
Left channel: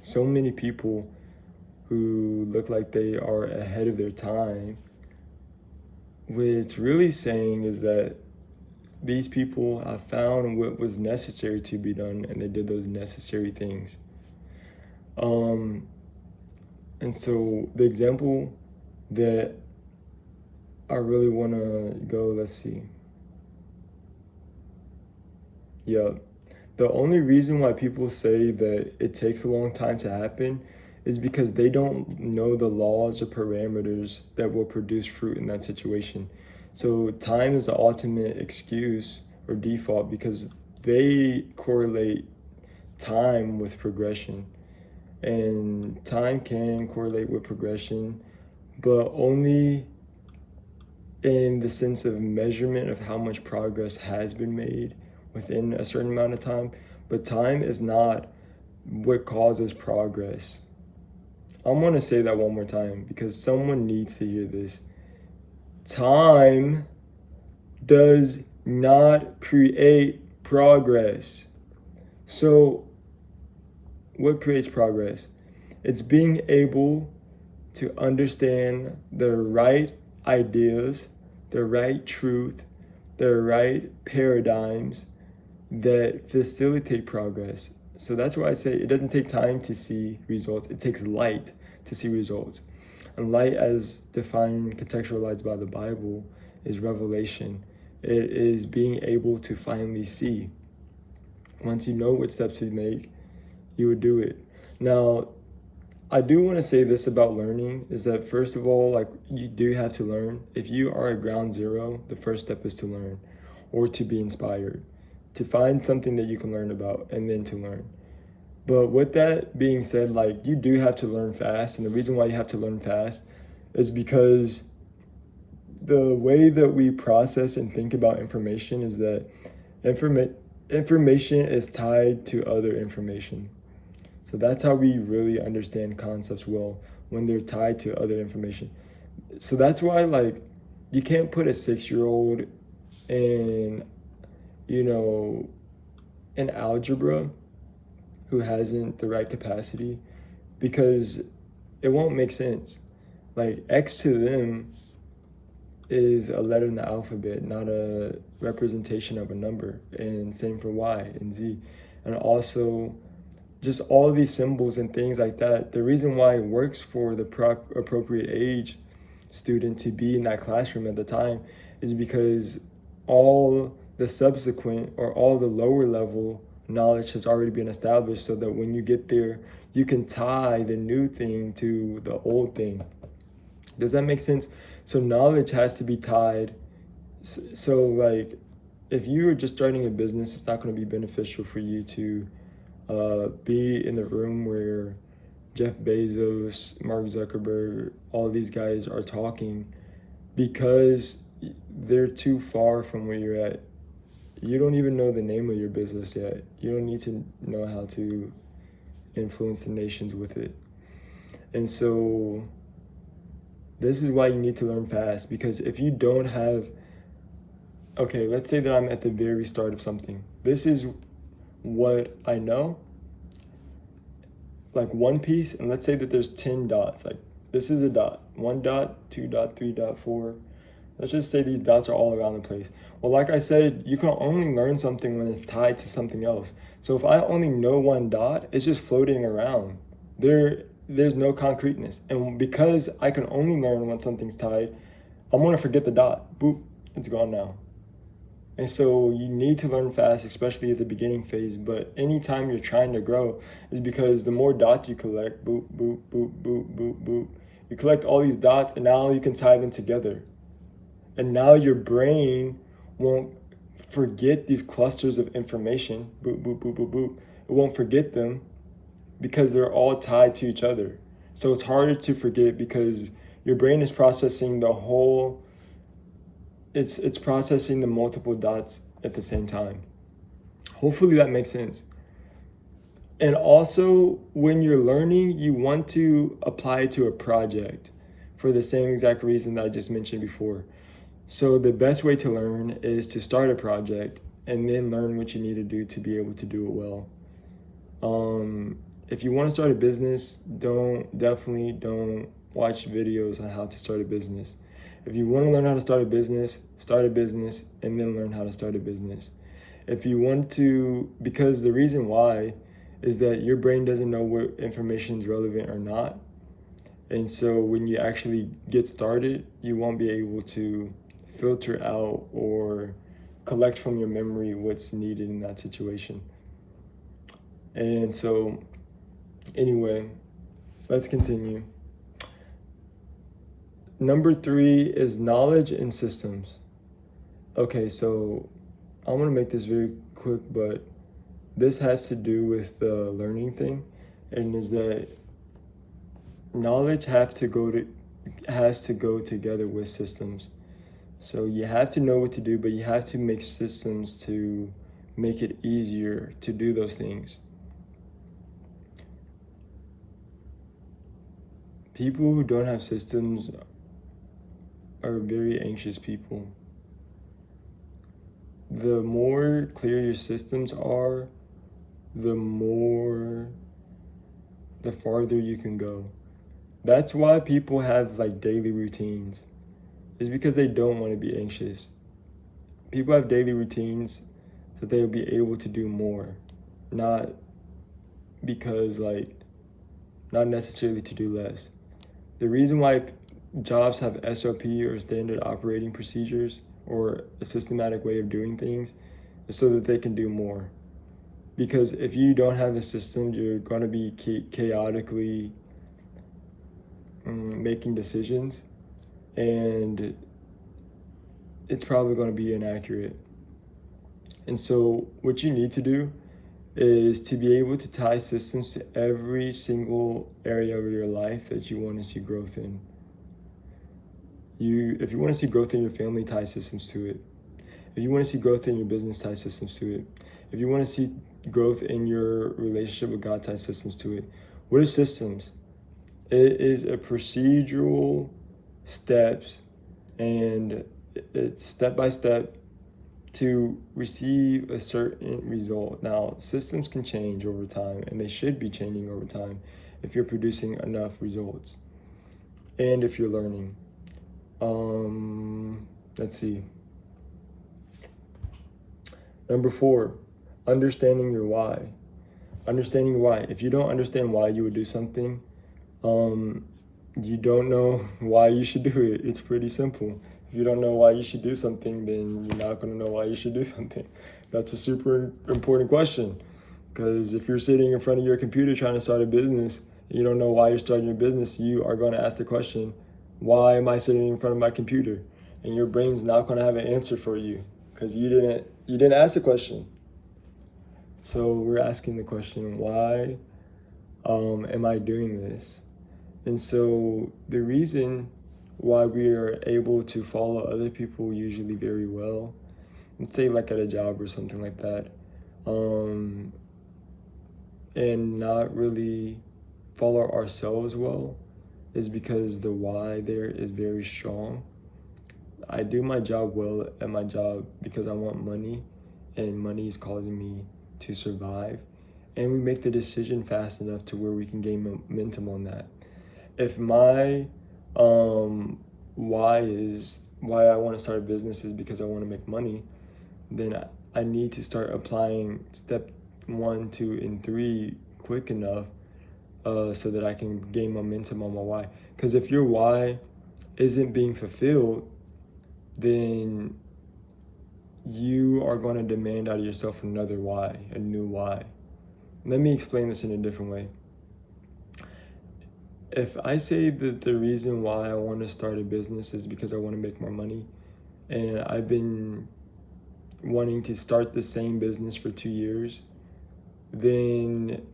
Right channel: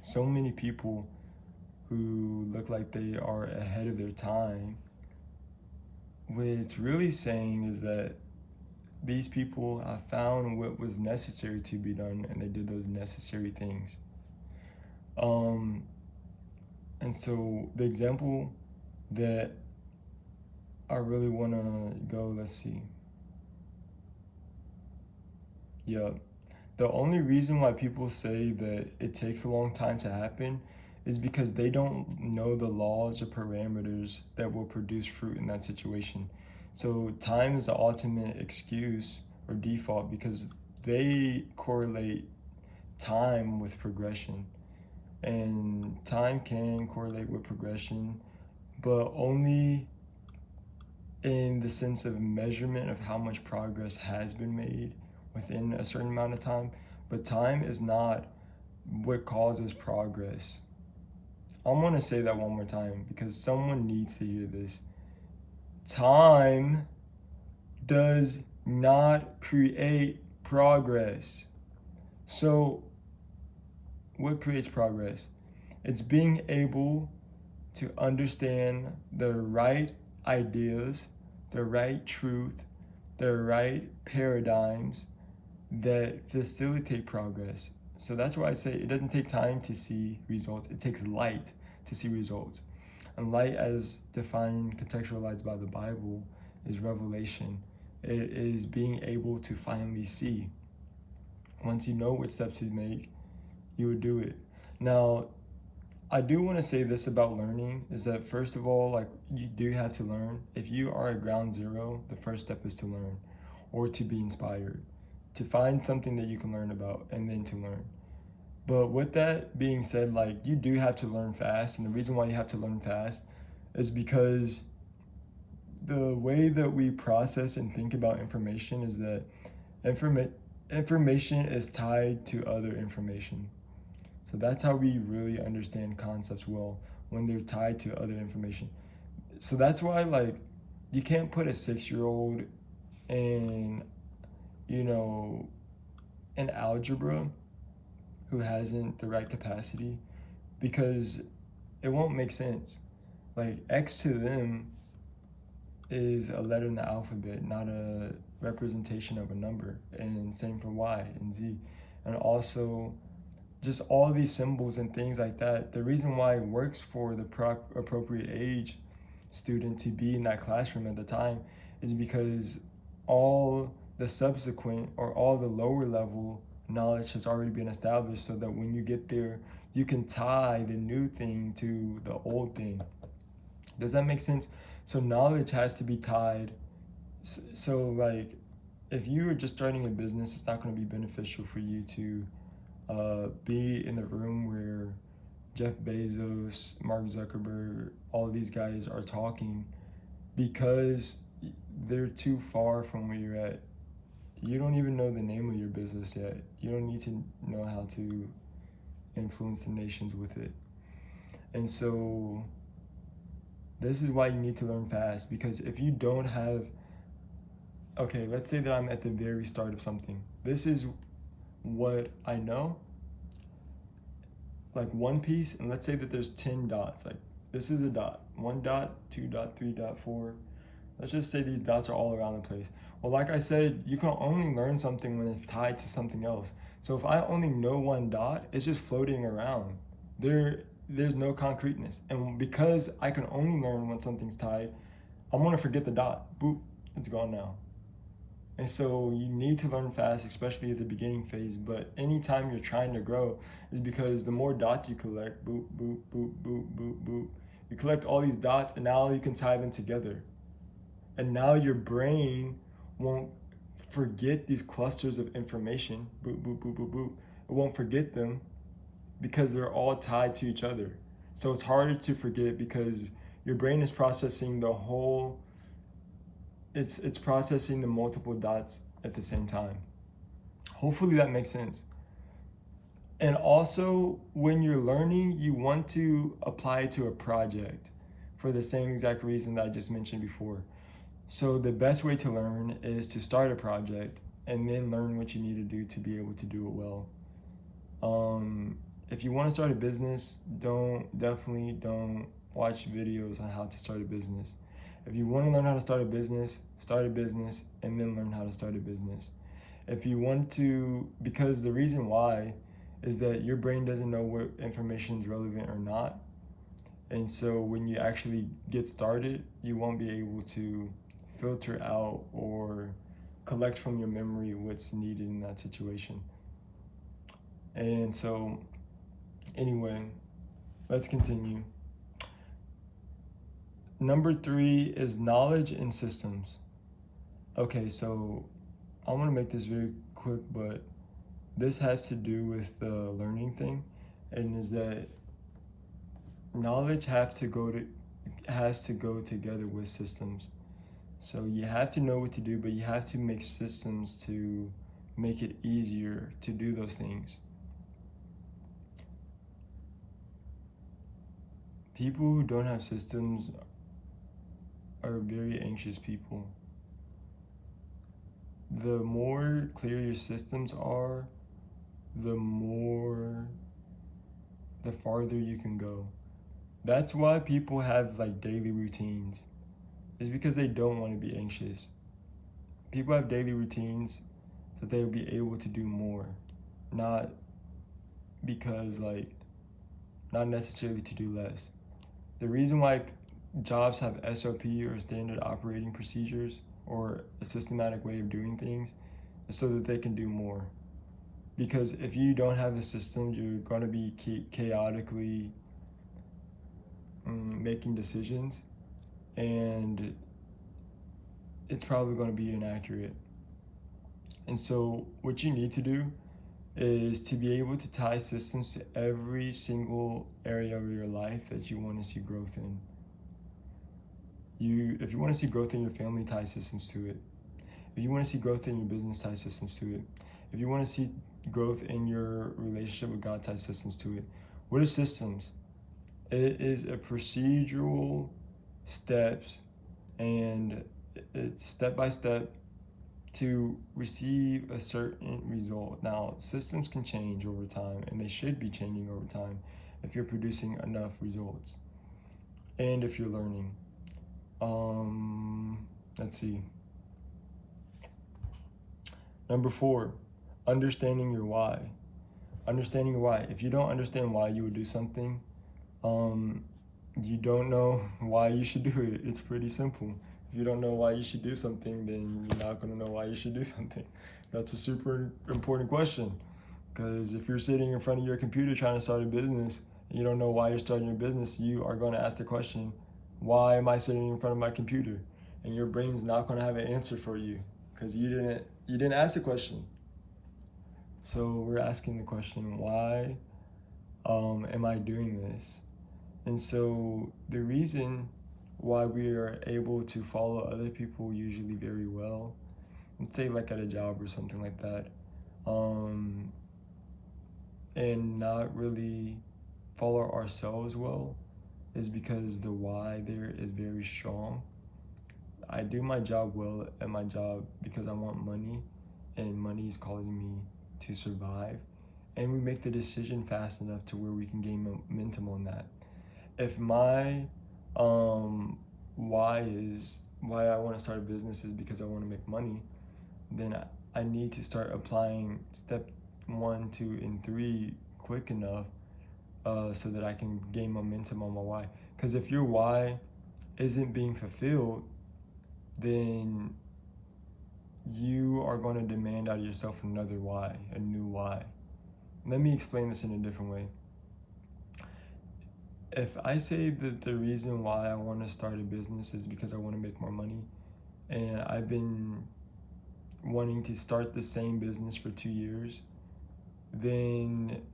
so many people who look like they are ahead of their time. What it's really saying is that these people have found what was necessary to be done, and they did those necessary things. And so the example that I really want to go, let's see. Yeah, the only reason why people say that it takes a long time to happen is because they don't know the laws or parameters that will produce fruit in that situation. So time is the ultimate excuse or default because they correlate time with progression. And time can correlate with progression, but only in the sense of measurement of how much progress has been made within a certain amount of time. But time is not what causes progress. I want to say that one more time because someone needs to hear this. Time does not create progress. So what creates progress? It's being able to understand the right ideas, the right truth, the right paradigms that facilitate progress. So that's why I say it doesn't take time to see results. It takes light to see results. And light, as defined, contextualized by the Bible, is revelation. It is being able to finally see. Once you know what steps to make, you would do it. Now, I do want to say this about learning, is that first of all, like, you do have to learn. If you are at ground zero, the first step is to learn or to be inspired, to find something that you can learn about and then to learn. But with that being said, like, you do have to learn fast. And the reason why you have to learn fast is because the way that we process and think about information is that information is tied to other information. So that's how we really understand concepts well, when they're tied to other information. So that's why, like, you can't put a 6-year-old in, in algebra who hasn't the right capacity, because it won't make sense. Like, X to them is a letter in the alphabet, not a representation of a number. And same for Y and Z. And also, just all these symbols and things like that. The reason why it works for the appropriate age student to be in that classroom at the time is because all the subsequent or all the lower level knowledge has already been established, so that when you get there, you can tie the new thing to the old thing. Does that make sense? So knowledge has to be tied. So like, if you're just starting a business, it's not going to be beneficial for you to be in the room where Jeff Bezos, Mark Zuckerberg, all these guys are talking, because they're too far from where you're at. You don't even know the name of your business yet. You don't need to know how to influence the nations with it. And so this is why you need to learn fast, because if you don't have, okay, let's say that I'm at the very start of something. This is what I know, like one piece, and let's say that there's 10 dots. Like, this is a dot, 1 dot, 2 dot, 3 dot, 4, Let's just say these dots are all around the place. Well, like I said, you can only learn something when it's tied to something else. So if I only know one dot, it's just floating around. There's no concreteness. And because I can only learn when something's tied, I'm gonna forget the dot. Boop, it's gone now. And so you need to learn fast, especially at the beginning phase. But anytime you're trying to grow, is because the more dots you collect, boop, boop, boop, boop, boop, boop. You collect all these dots, and now you can tie them together. And now your brain won't forget these clusters of information. Boop, boop, boop, boop, boop. It won't forget them because they're all tied to each other. So it's harder to forget because your brain is processing the whole, it's processing the multiple dots at the same time. Hopefully that makes sense. And also, when you're learning, you want to apply it to a project for the same exact reason that I just mentioned before. So the best way to learn is to start a project and then learn what you need to do to be able to do it well. If you want to start a business, definitely don't watch videos on how to start a business. If you want to learn how to start a business, and then learn how to start a business. If you want to, because the reason why is that your brain doesn't know what information is relevant or not. And so when you actually get started, you won't be able to filter out or collect from your memory what's needed in that situation. And so anyway, let's continue. Number 3 is knowledge and systems. Okay, so I want to make this very quick, but this has to do with the learning thing, and is that knowledge has to go together with systems. So you have to know what to do, but you have to make systems to make it easier to do those things. People who don't have systems are very anxious people. The more clear your systems are, the farther you can go. That's why people have like daily routines. It's because they don't want to be anxious. People have daily routines so they'll be able to do more, not because not necessarily to do less. The reason why jobs have SOP or standard operating procedures or a systematic way of doing things is so that they can do more. Because if you don't have a system, you're going to be chaotically making decisions, and it's probably going to be inaccurate. And so what you need to do is to be able to tie systems to every single area of your life that you want to see growth in. If you want to see growth in your family, tie systems to it. If you want to see growth in your business, tie systems to it. If you want to see growth in your relationship with God, tie systems to it. What are systems? It is a procedural steps, and it's step by step to receive a certain result. Now, systems can change over time, and they should be changing over time if you're producing enough results and if you're learning. Let's see. Number 4, understanding your why. Understanding your why. If you don't understand why you would do something, you don't know why you should do it. It's pretty simple. If you don't know why you should do something, then you're not going to know why you should do something. That's a super important question, because if you're sitting in front of your computer trying to start a business, you don't know why you're starting your business, you are going to ask the question, why am I sitting in front of my computer? And your brain's not going to have an answer for you because you didn't ask the question. So we're asking the question, why am I doing this? And so the reason why we are able to follow other people usually very well, let's say like at a job or something like that, and not really follow ourselves well, is because the why there is very strong. I do my job well at my job because I want money, and money is causing me to survive, and we make the decision fast enough to where we can gain momentum on that. If my why is why I want to start a business is because I want to make money, then I need to start applying step 1, 2, and 3 quick enough so that I can gain momentum on my why. Because if your why isn't being fulfilled, then you are going to demand out of yourself another why, a new why. Let me explain this in a different way. If I say that the reason why I want to start a business is because I want to make more money, and I've been wanting to start the same business for 2 years, then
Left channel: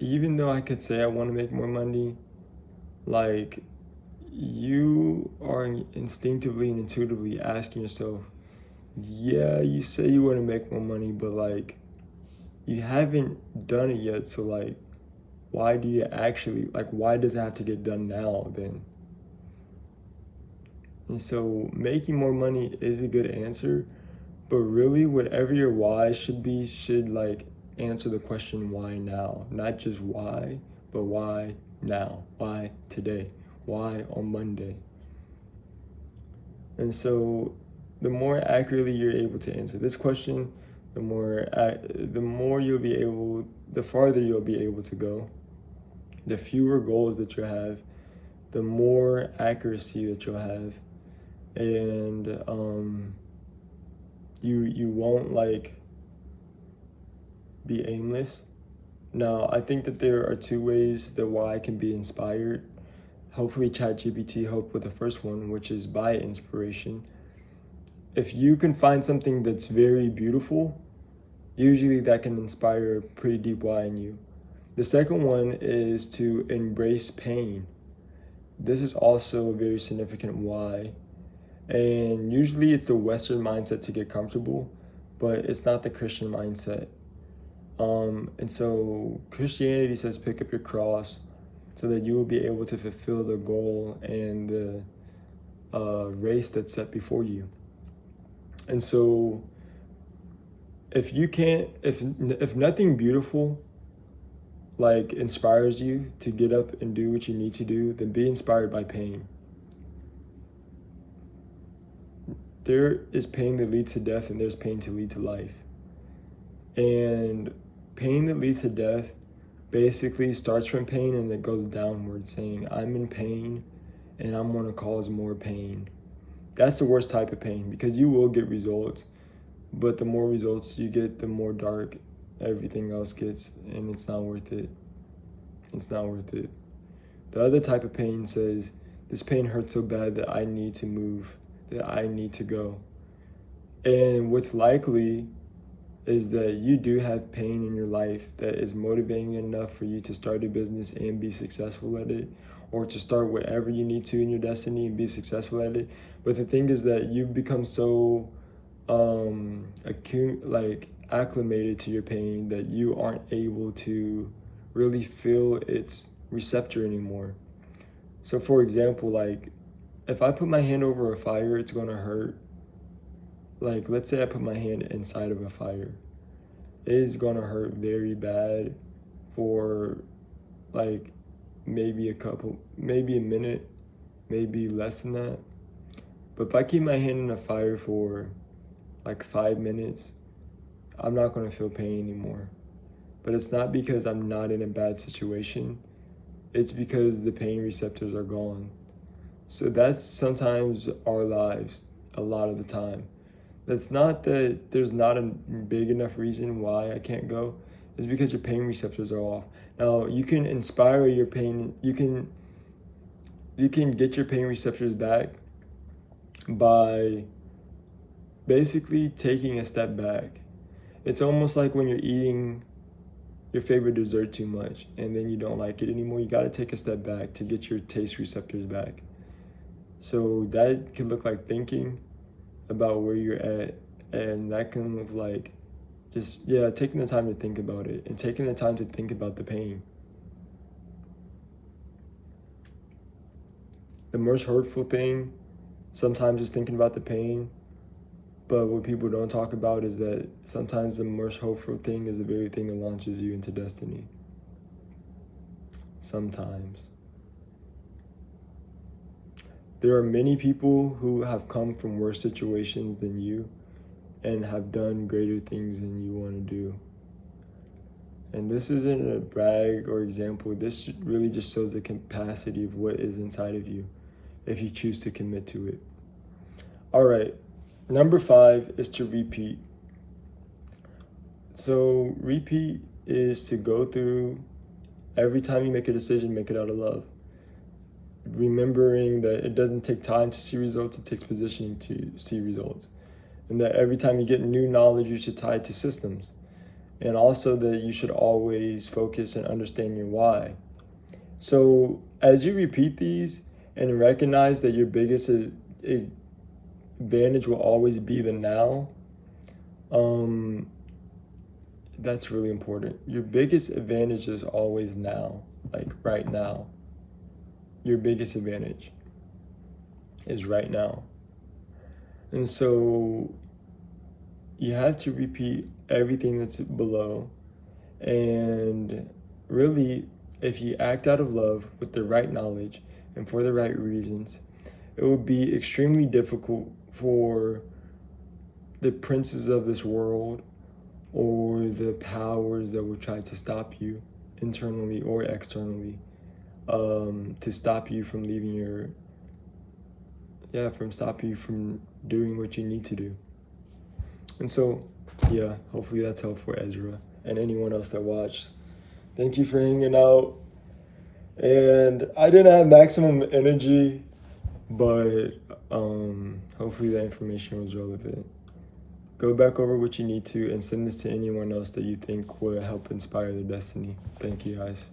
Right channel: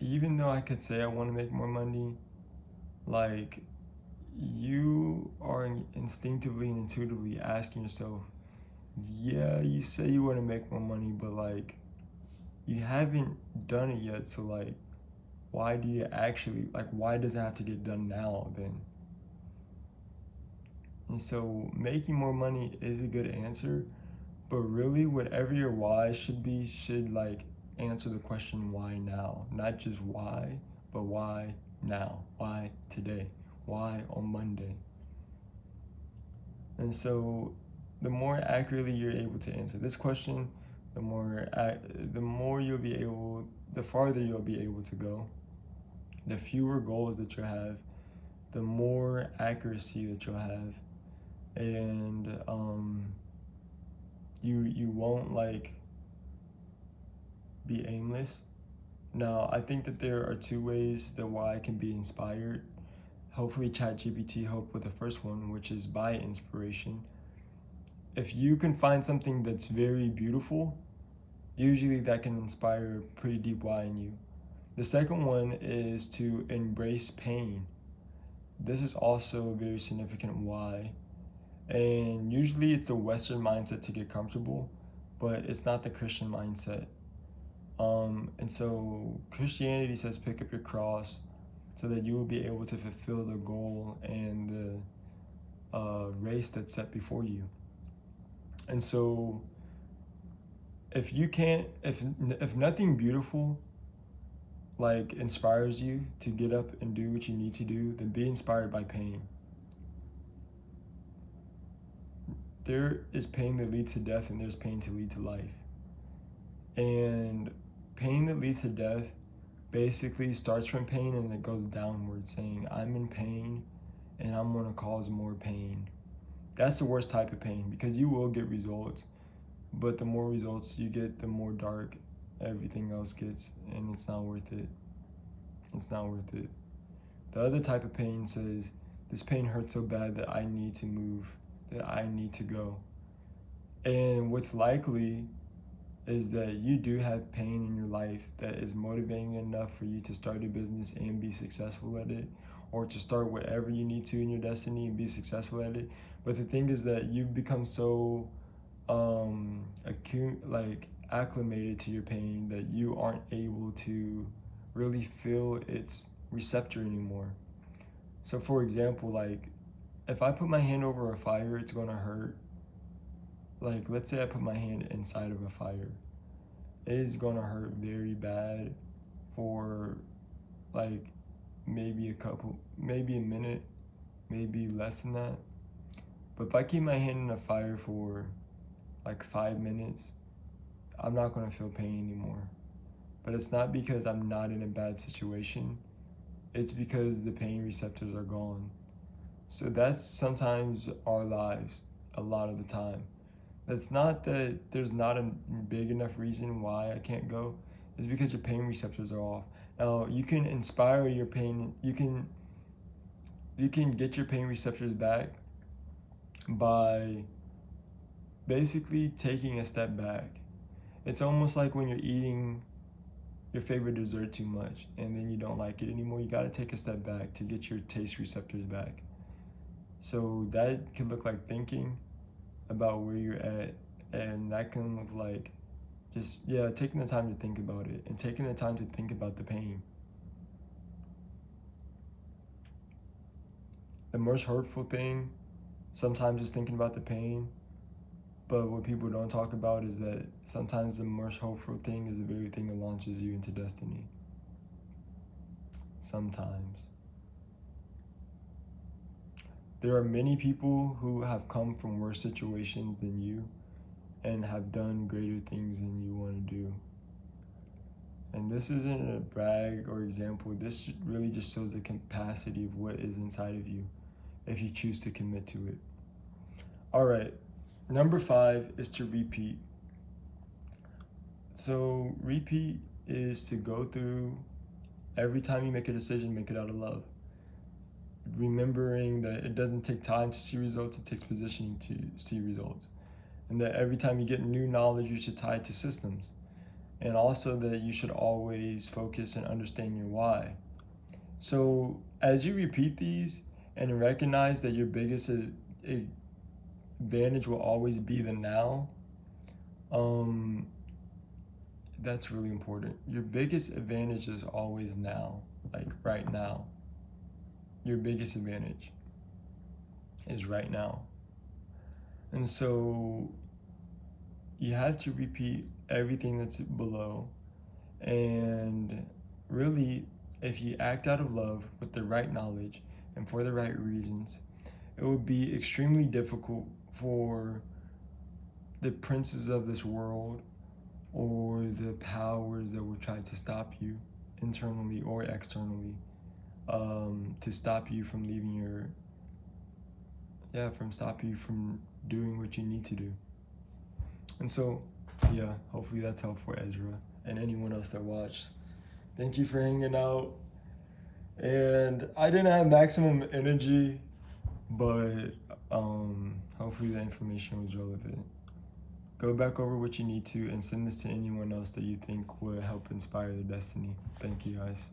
even though I could say I want to make more money, like, you are instinctively and intuitively asking yourself, yeah, you say you want to make more money, but like, you haven't done it yet. So like, why do you actually, like, why does it have to get done now then? And so making more money is a good answer, but really whatever your why should be, should like answer the question why now, not just why, but why now, why today, why on Monday. And so the more accurately you're able to answer this question, the more you'll be able, the farther you'll be able to go. The fewer goals that you have, the more accuracy that you'll have, and you won't like be aimless. Now, I think that there are 2 ways that why can be inspired. Hopefully ChatGPT helped with the first one, which is by inspiration. If you can find something that's very beautiful, usually that can inspire a pretty deep why in you. The second one is to embrace pain. This is also a very significant why. And usually it's the Western mindset to get comfortable, but it's not the Christian mindset. And so Christianity says pick up your cross so that you will be able to fulfill the goal and the race that's set before you. And so if nothing beautiful like inspires you to get up and do what you need to do, then be inspired by pain. There is pain that leads to death, and there's pain to lead to life. And pain that leads to death basically starts from pain and it goes downward, saying, I'm in pain and I'm going to cause more pain. That's the worst type of pain, because you will get results, but the more results you get, the more dark everything else gets, and it's not worth it. It's not worth it. The other type of pain says, this pain hurts so bad that I need to move, that I need to go. And what's likely is that you do have pain in your life that is motivating enough for you to start a business and be successful at it, or to start whatever you need to in your destiny and be successful at it. But the thing is that you've become so acclimated to your pain that you aren't able to really feel its receptor anymore. So for example, like, if I put my hand over a fire, it's gonna hurt. Like, let's say I put my hand inside of a fire. It is gonna hurt very bad for like maybe a minute, maybe less than that. But if I keep my hand in a fire for like 5 minutes, I'm not gonna feel pain anymore. But it's not because I'm not in a bad situation, it's because the pain receptors are gone. So that's sometimes our lives, a lot of the time. That's not that there's not a big enough reason why I can't go. It's because your pain receptors are off. Now, you can inspire your pain, you can get your pain receptors back by basically taking a step back. It's almost like when you're eating your favorite dessert too much and then you don't like it anymore. You got to take a step back to get your taste receptors back. So that can look like thinking about where you're at, and that can look like just taking the time to think about it, and taking the time to think about the pain. The most hurtful thing sometimes is thinking about the pain, but what people don't talk about is that sometimes the most hopeful thing is the very thing that launches you into destiny. Sometimes. There are many people who have come from worse situations than you and have done greater things than you want to do. And this isn't a brag or example. This really just shows the capacity of what is inside of you if you choose to commit to it. All right, number 5 is to repeat. So repeat is to go through every time you make a decision, make it out of love. Remembering that it doesn't take time to see results, it takes positioning to see results. And that every time you get new knowledge, you should tie it to systems. And also that you should always focus and understand your why. So as you repeat these and recognize that your biggest advantage will always be the now, that's really important. Your biggest advantage is always now, like right now. Your biggest advantage is right now. And so you have to repeat everything that's below. And really, if you act out of love with the right knowledge and for the right reasons, it would be extremely difficult for the princes of this world or the powers that will try to stop you internally or externally, to stop you from leaving stop you from doing what you need to do. And so, hopefully that's helpful, Ezra, and anyone else that watched. Thank you for hanging out. And I didn't have maximum energy, but hopefully that information was relevant. Go back over what you need to and send this to anyone else that you think will help inspire their destiny. Thank you, guys.